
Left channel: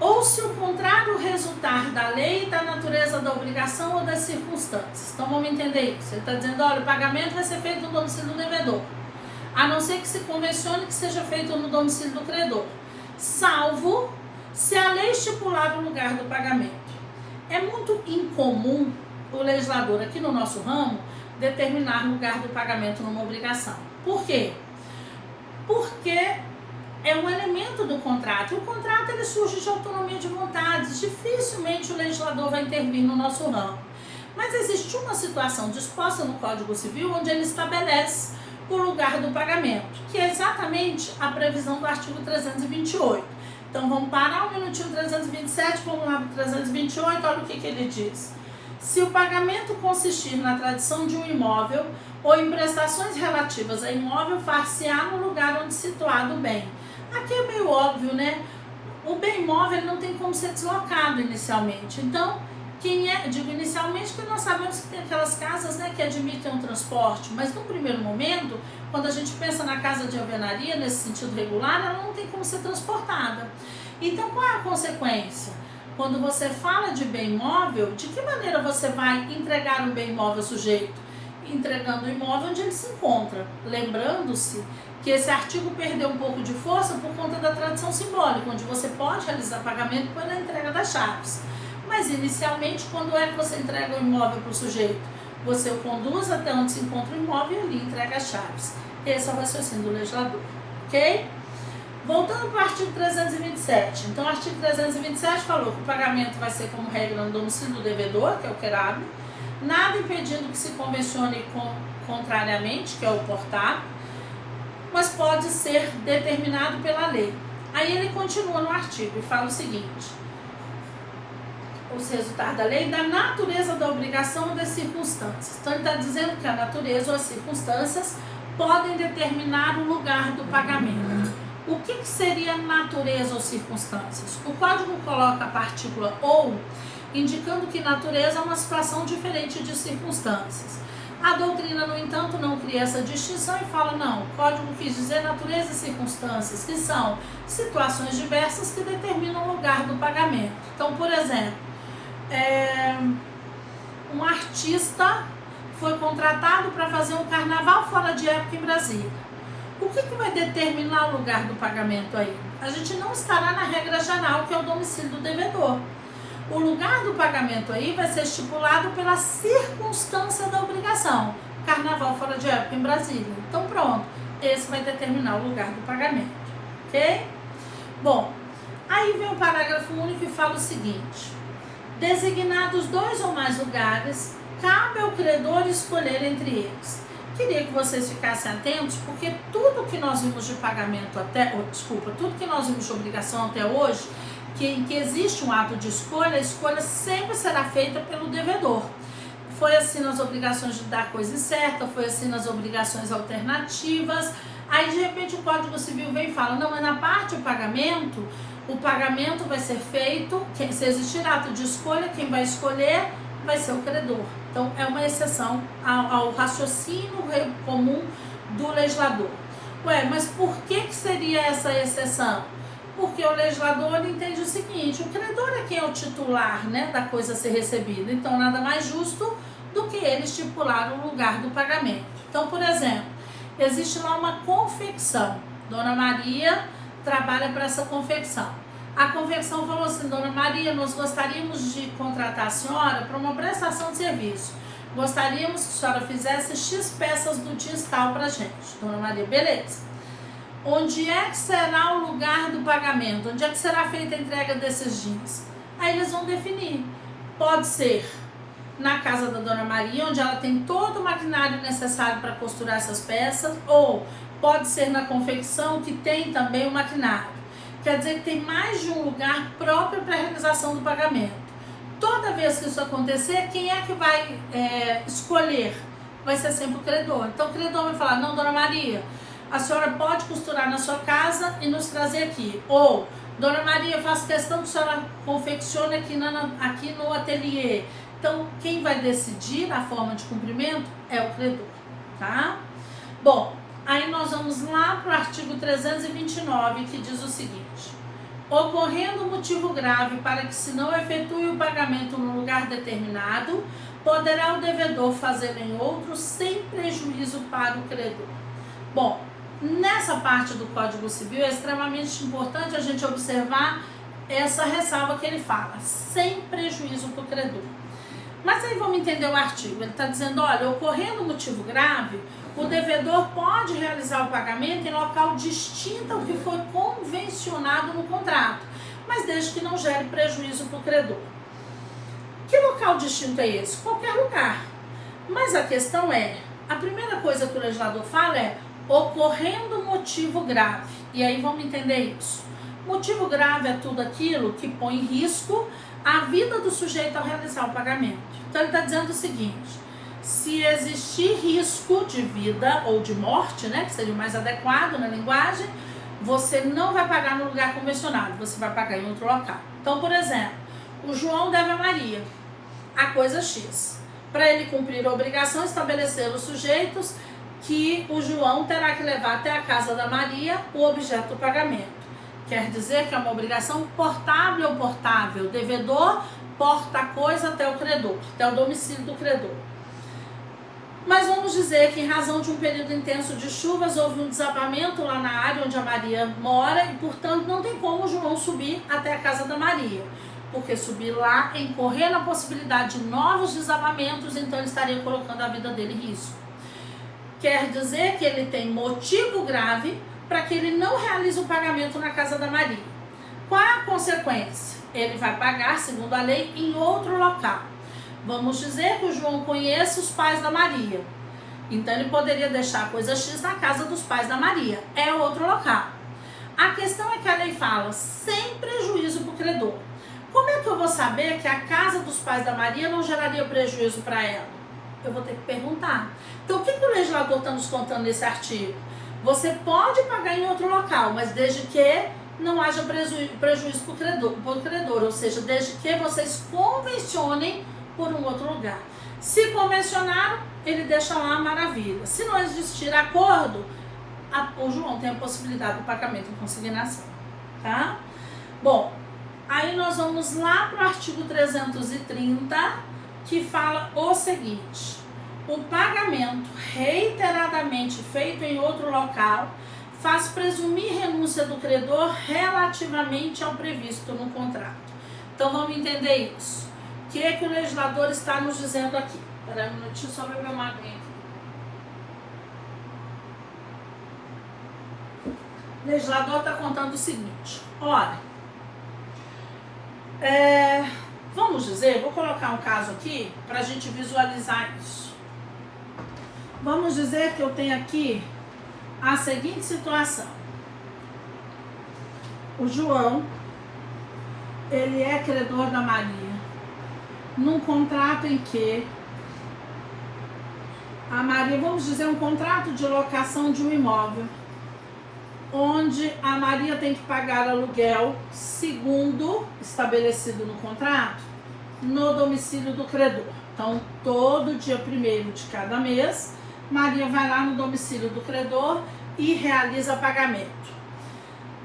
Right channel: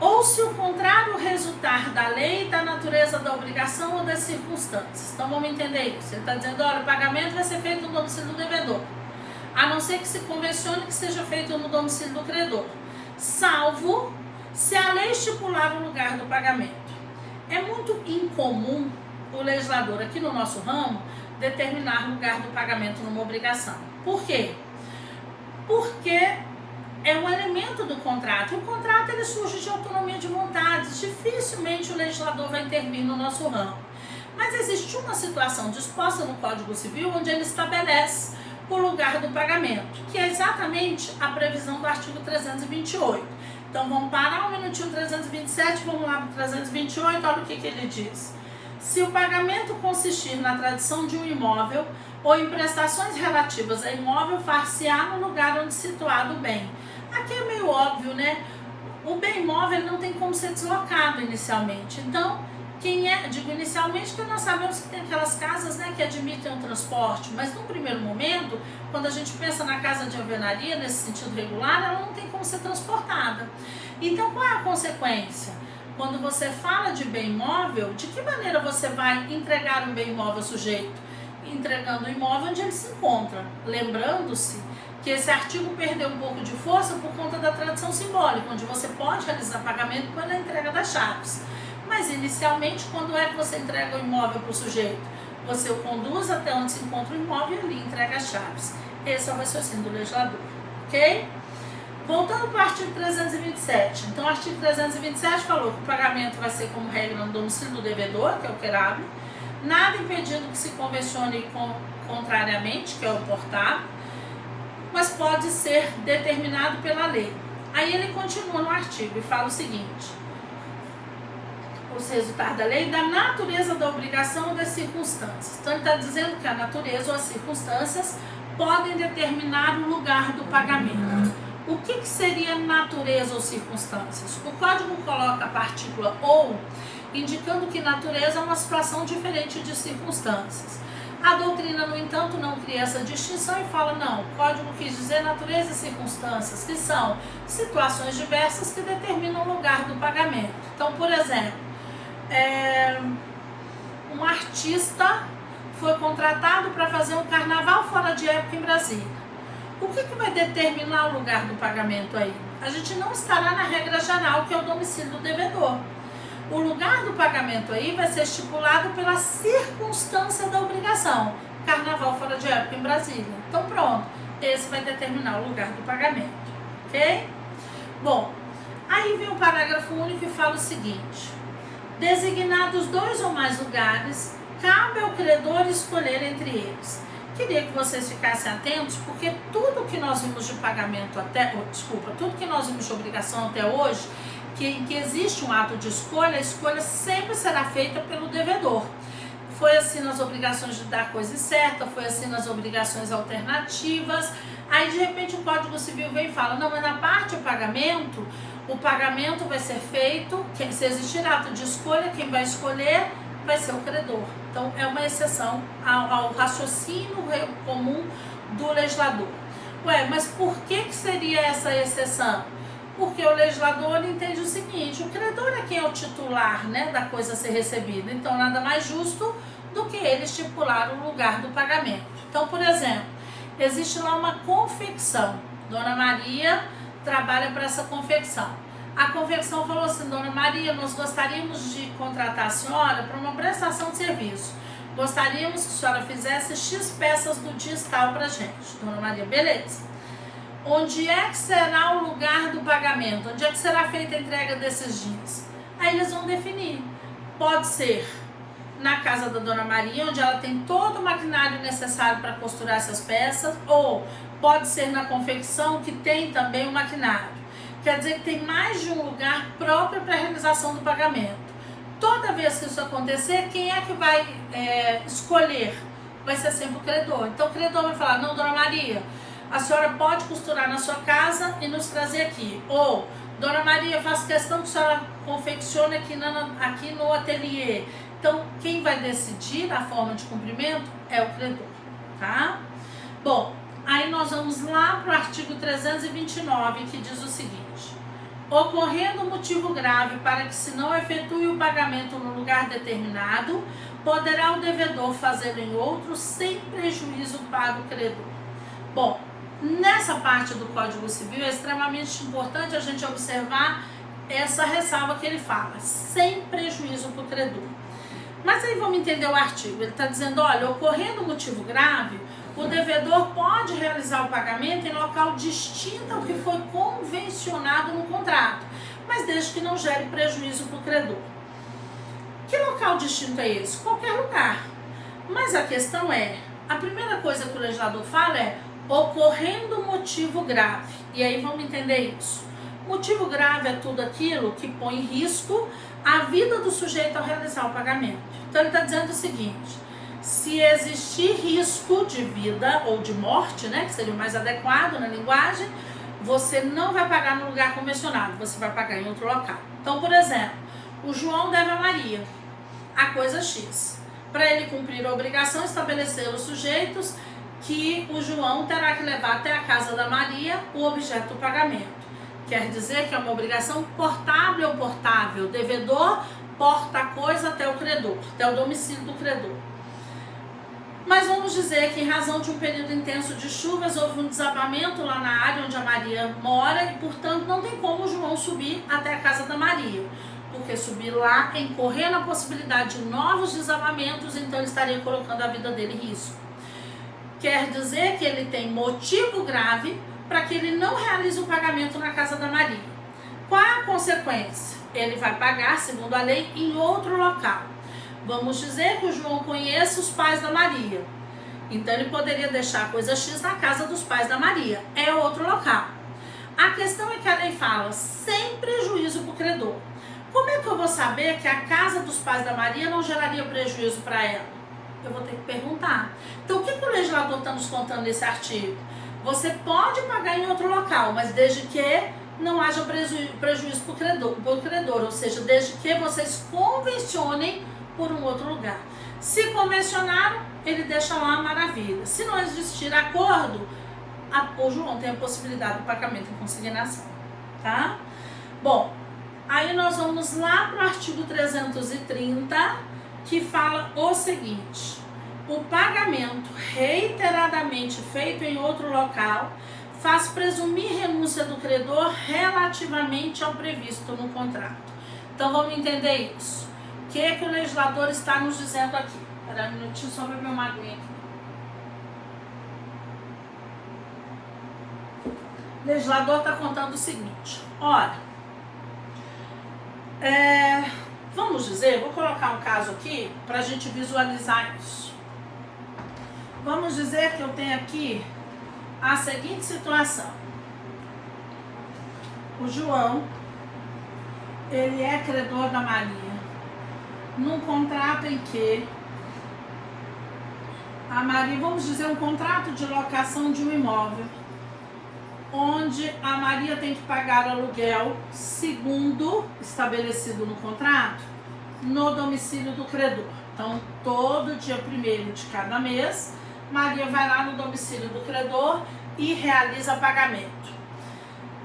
Ou se o contrário resultar da lei, da natureza da obrigação ou das circunstâncias. Então vamos entender isso. Ele está dizendo, olha, o pagamento vai ser feito no domicílio do devedor, a não ser que se convencione que seja feito no domicílio do credor, salvo se a lei estipular o lugar do pagamento. É muito incomum o legislador aqui no nosso ramo determinar o lugar do pagamento numa obrigação. Por quê? Porque é um elemento do contrato. O contrato ele surge de autonomia de vontades. Dificilmente o legislador vai intervir no nosso ramo. Mas existe uma situação disposta no Código Civil onde ele estabelece o lugar do pagamento, que é exatamente a previsão do artigo 328. Então vamos parar um minutinho 327, vamos lá para 328, olha o que ele diz. Se o pagamento consistir na tradição de um imóvel ou em prestações relativas a imóvel, far-se-á no lugar onde situado o bem. Aqui é meio óbvio, né? O bem imóvel não tem como ser deslocado inicialmente. Então, digo inicialmente porque nós sabemos que tem aquelas casas, né, que admitem um transporte, mas no primeiro momento, quando a gente pensa na casa de alvenaria, nesse sentido regular, ela não tem como ser transportada. Então, qual é a consequência? Quando você fala de bem imóvel, de que maneira você vai entregar o bem imóvel ao sujeito? Entregando o imóvel onde ele se encontra. Lembrando-se que esse artigo perdeu um pouco de força por conta da tradição simbólica, onde você pode realizar pagamento pela entrega das chaves. Mas inicialmente, quando é que você entrega o imóvel para o sujeito? Você o conduz até onde se encontra o imóvel e ali entrega as chaves. Esse é o raciocínio do legislador, ok? Voltando para o artigo 327. Então, o artigo 327 falou que o pagamento vai ser como regra no domicílio do devedor, que é o querável, nada impedindo que se convencione contrariamente, que é o portável, mas pode ser determinado pela lei. Aí ele continua no artigo e fala o seguinte: os resultados da lei, da natureza da obrigação ou das circunstâncias. Então, ele está dizendo que a natureza ou as circunstâncias podem determinar o lugar do pagamento. O que seria natureza ou circunstâncias? O código coloca a partícula ou, indicando que natureza é uma situação diferente de circunstâncias. A doutrina, no entanto, não cria essa distinção e fala, não, o código quis dizer natureza e circunstâncias, que são situações diversas que determinam o lugar do pagamento. Então, por exemplo, um artista foi contratado para fazer um carnaval fora de época em Brasília. O que vai determinar o lugar do pagamento aí? A gente não estará na regra geral, que é o domicílio do devedor. O lugar do pagamento aí vai ser estipulado pela circunstância da obrigação. Carnaval fora de época em Brasília. Então pronto, esse vai determinar o lugar do pagamento, ok? Bom, aí vem o parágrafo único e fala o seguinte: designados 2 ou mais lugares, cabe ao credor escolher entre eles. Queria que vocês ficassem atentos, porque tudo que nós vimos de pagamento tudo que nós vimos de obrigação até hoje, que existe um ato de escolha, a escolha sempre será feita pelo devedor. Foi assim nas obrigações de dar coisa certa, foi assim nas obrigações alternativas. Aí, de repente, o Código Civil vem e fala, não, mas na parte do pagamento, o pagamento vai ser feito, se existir ato de escolha, quem vai escolher vai ser o credor. Então, é uma exceção ao raciocínio comum do legislador. Ué, mas por que seria essa exceção? Porque o legislador entende o seguinte: o credor é quem é o titular, né, da coisa a ser recebida. Então, nada mais justo do que ele estipular o lugar do pagamento. Então, por exemplo, existe lá uma confecção. Dona Maria trabalha para essa confecção. A confecção falou assim: Dona Maria, nós gostaríamos de contratar a senhora para uma prestação de serviço. Gostaríamos que a senhora fizesse X peças do jeans tal para a gente. Dona Maria, beleza. Onde é que será o lugar do pagamento? Onde é que será feita a entrega desses jeans? Aí eles vão definir. Pode ser na casa da Dona Maria, onde ela tem todo o maquinário necessário para costurar essas peças, ou pode ser na confecção, que tem também o maquinário. Quer dizer que tem mais de um lugar próprio para a realização do pagamento. Toda vez que isso acontecer, quem é que vai escolher? Vai ser sempre o credor. Então o credor vai falar: não, Dona Maria, a senhora pode costurar na sua casa e nos trazer aqui. Ou, Dona Maria, eu faço questão que a senhora confeccione aqui no ateliê. Então, quem vai decidir a forma de cumprimento é o credor, tá? Bom, aí nós vamos lá para o artigo 329, que diz o seguinte: ocorrendo motivo grave para que se não efetue o pagamento no lugar determinado, poderá o devedor fazê-lo em outro sem prejuízo para o credor. Bom, nessa parte do Código Civil é extremamente importante a gente observar essa ressalva que ele fala: sem prejuízo para o credor. Mas aí vamos entender o artigo. Ele está dizendo: olha, ocorrendo motivo grave, o devedor pode realizar o pagamento em local distinto ao que foi convencionado no contrato, mas desde que não gere prejuízo para o credor. Que local distinto é esse? Qualquer lugar. Mas a questão é, a primeira coisa que o legislador fala é ocorrendo motivo grave. E aí vamos entender isso. Motivo grave é tudo aquilo que põe em risco a vida do sujeito ao realizar o pagamento. Então ele está dizendo o seguinte: se existir risco de vida ou de morte, né, que seria o mais adequado na linguagem, você não vai pagar no lugar convencionado, você vai pagar em outro local. Então, por exemplo, o João deve a Maria a coisa X. Para ele cumprir a obrigação, estabelecer os sujeitos que o João terá que levar até a casa da Maria o objeto do pagamento. Quer dizer que é uma obrigação portável ou portável. O devedor porta a coisa até o credor, até o domicílio do credor. Mas vamos dizer que em razão de um período intenso de chuvas, houve um desabamento lá na área onde a Maria mora e, portanto, não tem como o João subir até a casa da Maria. Porque subir lá, incorrer na possibilidade de novos desabamentos, então ele estaria colocando a vida dele em risco. Quer dizer que ele tem motivo grave para que ele não realize o pagamento na casa da Maria. Qual é a consequência? Ele vai pagar, segundo a lei, em outro local. Vamos dizer que o João conhece os pais da Maria. Então ele poderia deixar a coisa X na casa dos pais da Maria. É outro local. A questão é que a lei fala sem prejuízo para o credor. Como é que eu vou saber que a casa dos pais da Maria não geraria prejuízo para ela? Eu vou ter que perguntar. Então o que o legislador está nos contando nesse artigo? Você pode pagar em outro local, mas desde que não haja prejuízo para o credor, ou seja, desde que vocês convencionem por um outro lugar. Se convencionaram, ele deixa lá, maravilha. Se não existir acordo, o João tem a possibilidade do pagamento em consignação, tá? Bom, aí nós vamos lá para o artigo 330, que fala o seguinte: o pagamento reiteradamente feito em outro local faz presumir renúncia do credor relativamente ao previsto no contrato. Então vamos entender isso. O que é que o legislador está nos dizendo aqui? Espera um minutinho, só beber uma aguinha aqui. O legislador está contando o seguinte: olha, vamos dizer, vou colocar um caso aqui para a gente visualizar isso. Vamos dizer que eu tenho aqui a seguinte situação: o João, ele é credor da Maria num contrato em que a Maria, vamos dizer, um contrato de locação de um imóvel, onde a Maria tem que pagar aluguel segundo estabelecido no contrato, no domicílio do credor. Então, todo dia 1º de cada mês, Maria vai lá no domicílio do credor e realiza pagamento.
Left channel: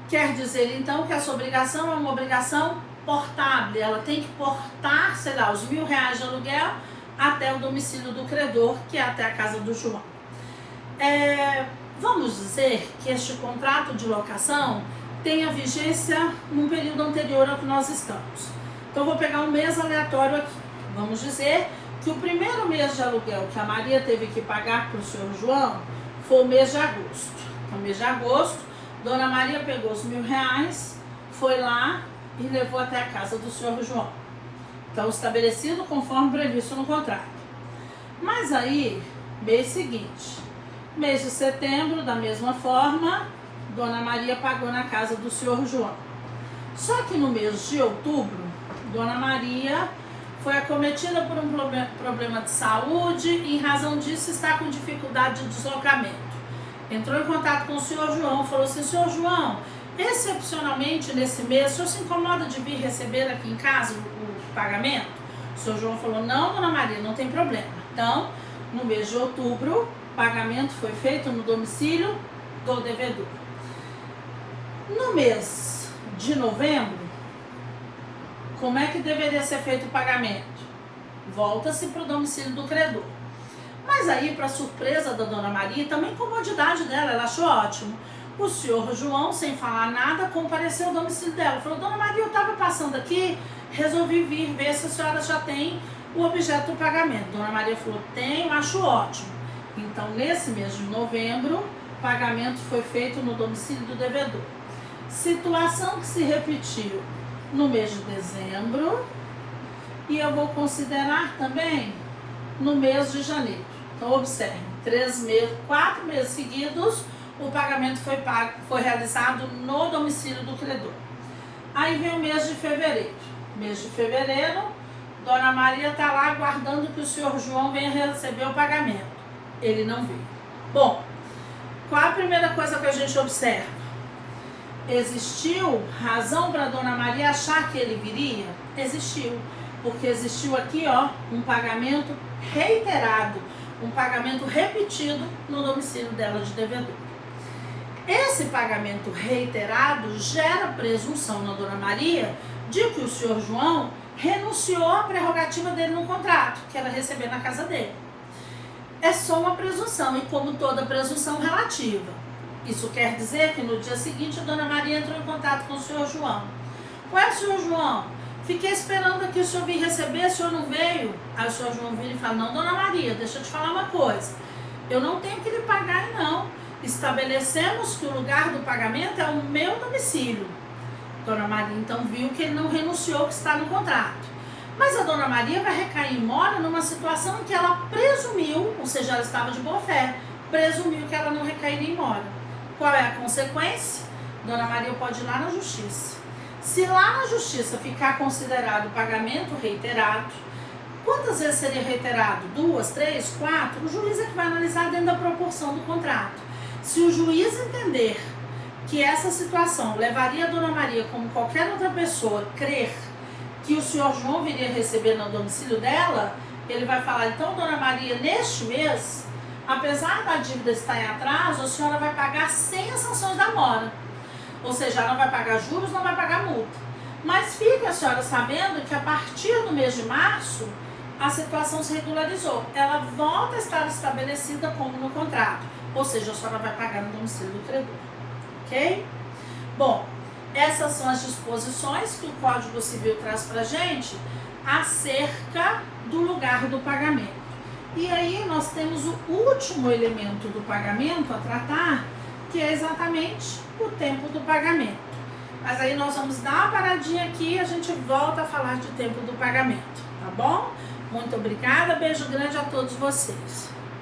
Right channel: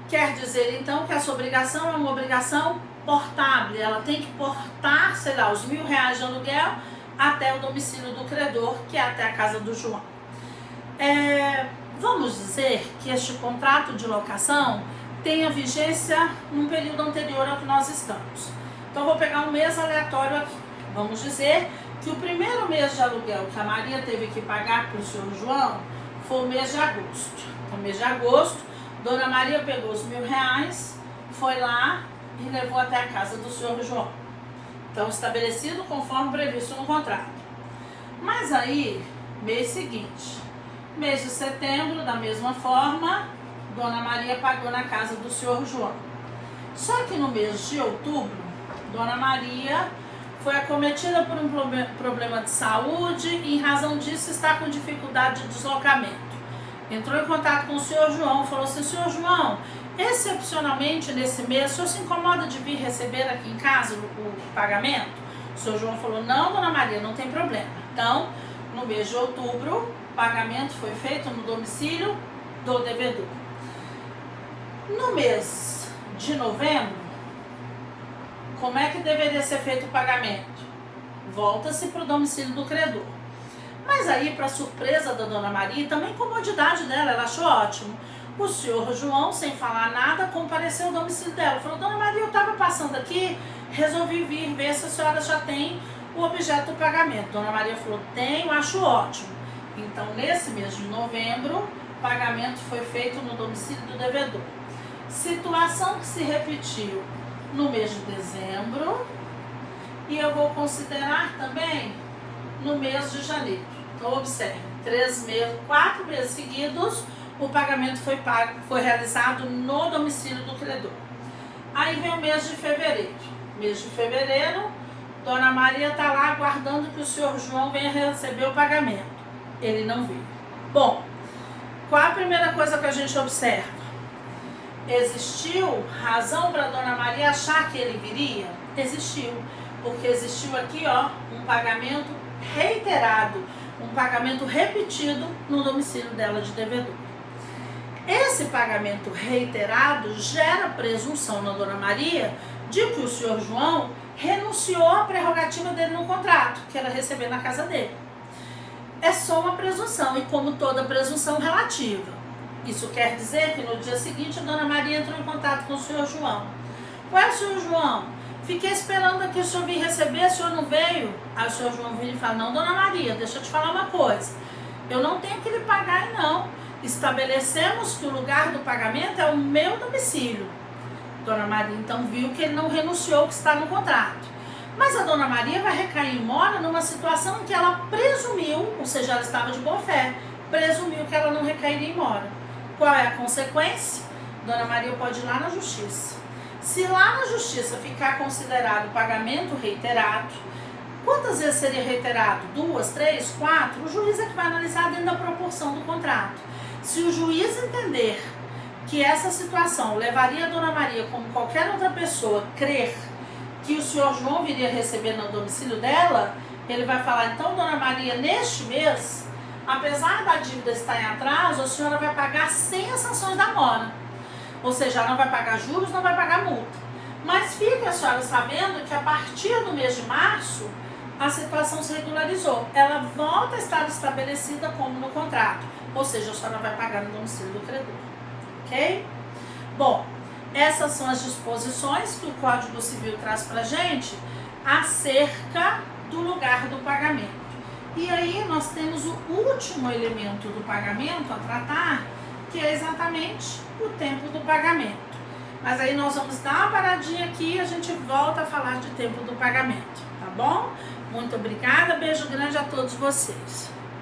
Quer dizer, então, que essa obrigação é uma obrigação portável. Ela tem que portar, sei lá, os R$1.000 de aluguel até o domicílio do credor, que é até a casa do João. Vamos dizer que este contrato de locação tenha vigência num período anterior ao que nós estamos. Então, vou pegar um mês aleatório aqui. Vamos dizer que o primeiro mês de aluguel que a Maria teve que pagar para o senhor João foi o mês de agosto. Então, mês de agosto, Dona Maria pegou os R$1.000, foi lá e levou até a casa do senhor João. Então, estabelecido conforme previsto no contrato. Mas aí, mês seguinte, mês de setembro, da mesma forma, Dona Maria pagou na casa do senhor João. Só que no mês de outubro, Dona Maria foi acometida por um problema de saúde e, em razão disso, está com dificuldade de deslocamento. Entrou em contato com o senhor João, falou assim: senhor João, excepcionalmente nesse mês, o senhor se incomoda de vir receber aqui em casa o pagamento? O senhor João falou: não, Dona Maria, não tem problema. Então, no mês de outubro, o pagamento foi feito no domicílio do devedor. No mês de novembro, como é que deveria ser feito o pagamento? Volta-se para o domicílio do credor. Mas aí, para surpresa da Dona Maria, também comodidade dela, ela achou ótimo. O senhor João, sem falar nada, compareceu ao domicílio dela. Falou: Dona Maria, eu estava passando aqui, resolvi vir ver se a senhora já tem o objeto do pagamento. Dona Maria falou: tenho, acho ótimo. Então, nesse mês de novembro, o pagamento foi feito no domicílio do devedor. Situação que se repetiu no mês de dezembro, e eu vou considerar também no mês de janeiro. Então, observe, 4 meses seguidos, o pagamento foi realizado no domicílio do credor. Aí vem o mês de fevereiro. Mês de fevereiro, Dona Maria está lá aguardando que o senhor João venha receber o pagamento. Ele não veio. Bom, qual a primeira coisa que a gente observa? Existiu razão para Dona Maria achar que ele viria? Existiu. Porque existiu aqui, ó, um pagamento reiterado, um pagamento repetido no domicílio dela de devedor. Esse pagamento reiterado gera presunção na Dona Maria de que o senhor João renunciou à prerrogativa dele no contrato, que era receber na casa dele. É só uma presunção, e como toda presunção, relativa. Isso quer dizer que no dia seguinte a Dona Maria entrou em contato com o senhor João. Ué, senhor João, fiquei esperando aqui o senhor vir receber, o senhor não veio? Aí o senhor João vira e fala: não, Dona Maria, deixa eu te falar uma coisa. Eu não tenho que lhe pagar, não. Estabelecemos que o lugar do pagamento é o meu domicílio. Dona Maria então viu que ele não renunciou ao que está no contrato. Mas a Dona Maria vai recair em mora numa situação em que ela presumiu, ou seja, ela estava de boa fé, presumiu que ela não recairia em mora. Qual é a consequência? Dona Maria pode ir lá na justiça. Se lá na justiça ficar considerado o pagamento reiterado, quantas vezes seria reiterado? 2, 3, 4? O juiz é que vai analisar dentro da proporção do contrato. Se o juiz entender que essa situação levaria a Dona Maria, como qualquer outra pessoa, crer que o senhor João viria receber no domicílio dela, ele vai falar: então, Dona Maria, neste mês, apesar da dívida estar em atraso, a senhora vai pagar sem as sanções da mora. Ou seja, ela não vai pagar juros, não vai pagar multa. Mas fique a senhora sabendo que a partir do mês de março, a situação se regularizou. Ela volta a estar estabelecida como no contrato. Ou seja, a senhora vai pagar no domicílio do credor. Ok? Bom, essas são as disposições que o Código Civil traz pra gente acerca do lugar do pagamento. E aí nós temos o último elemento do pagamento a tratar, que é exatamente o tempo do pagamento. Mas aí nós vamos dar uma paradinha aqui e a gente volta a falar de tempo do pagamento, tá bom? Muito obrigada, beijo grande a todos vocês.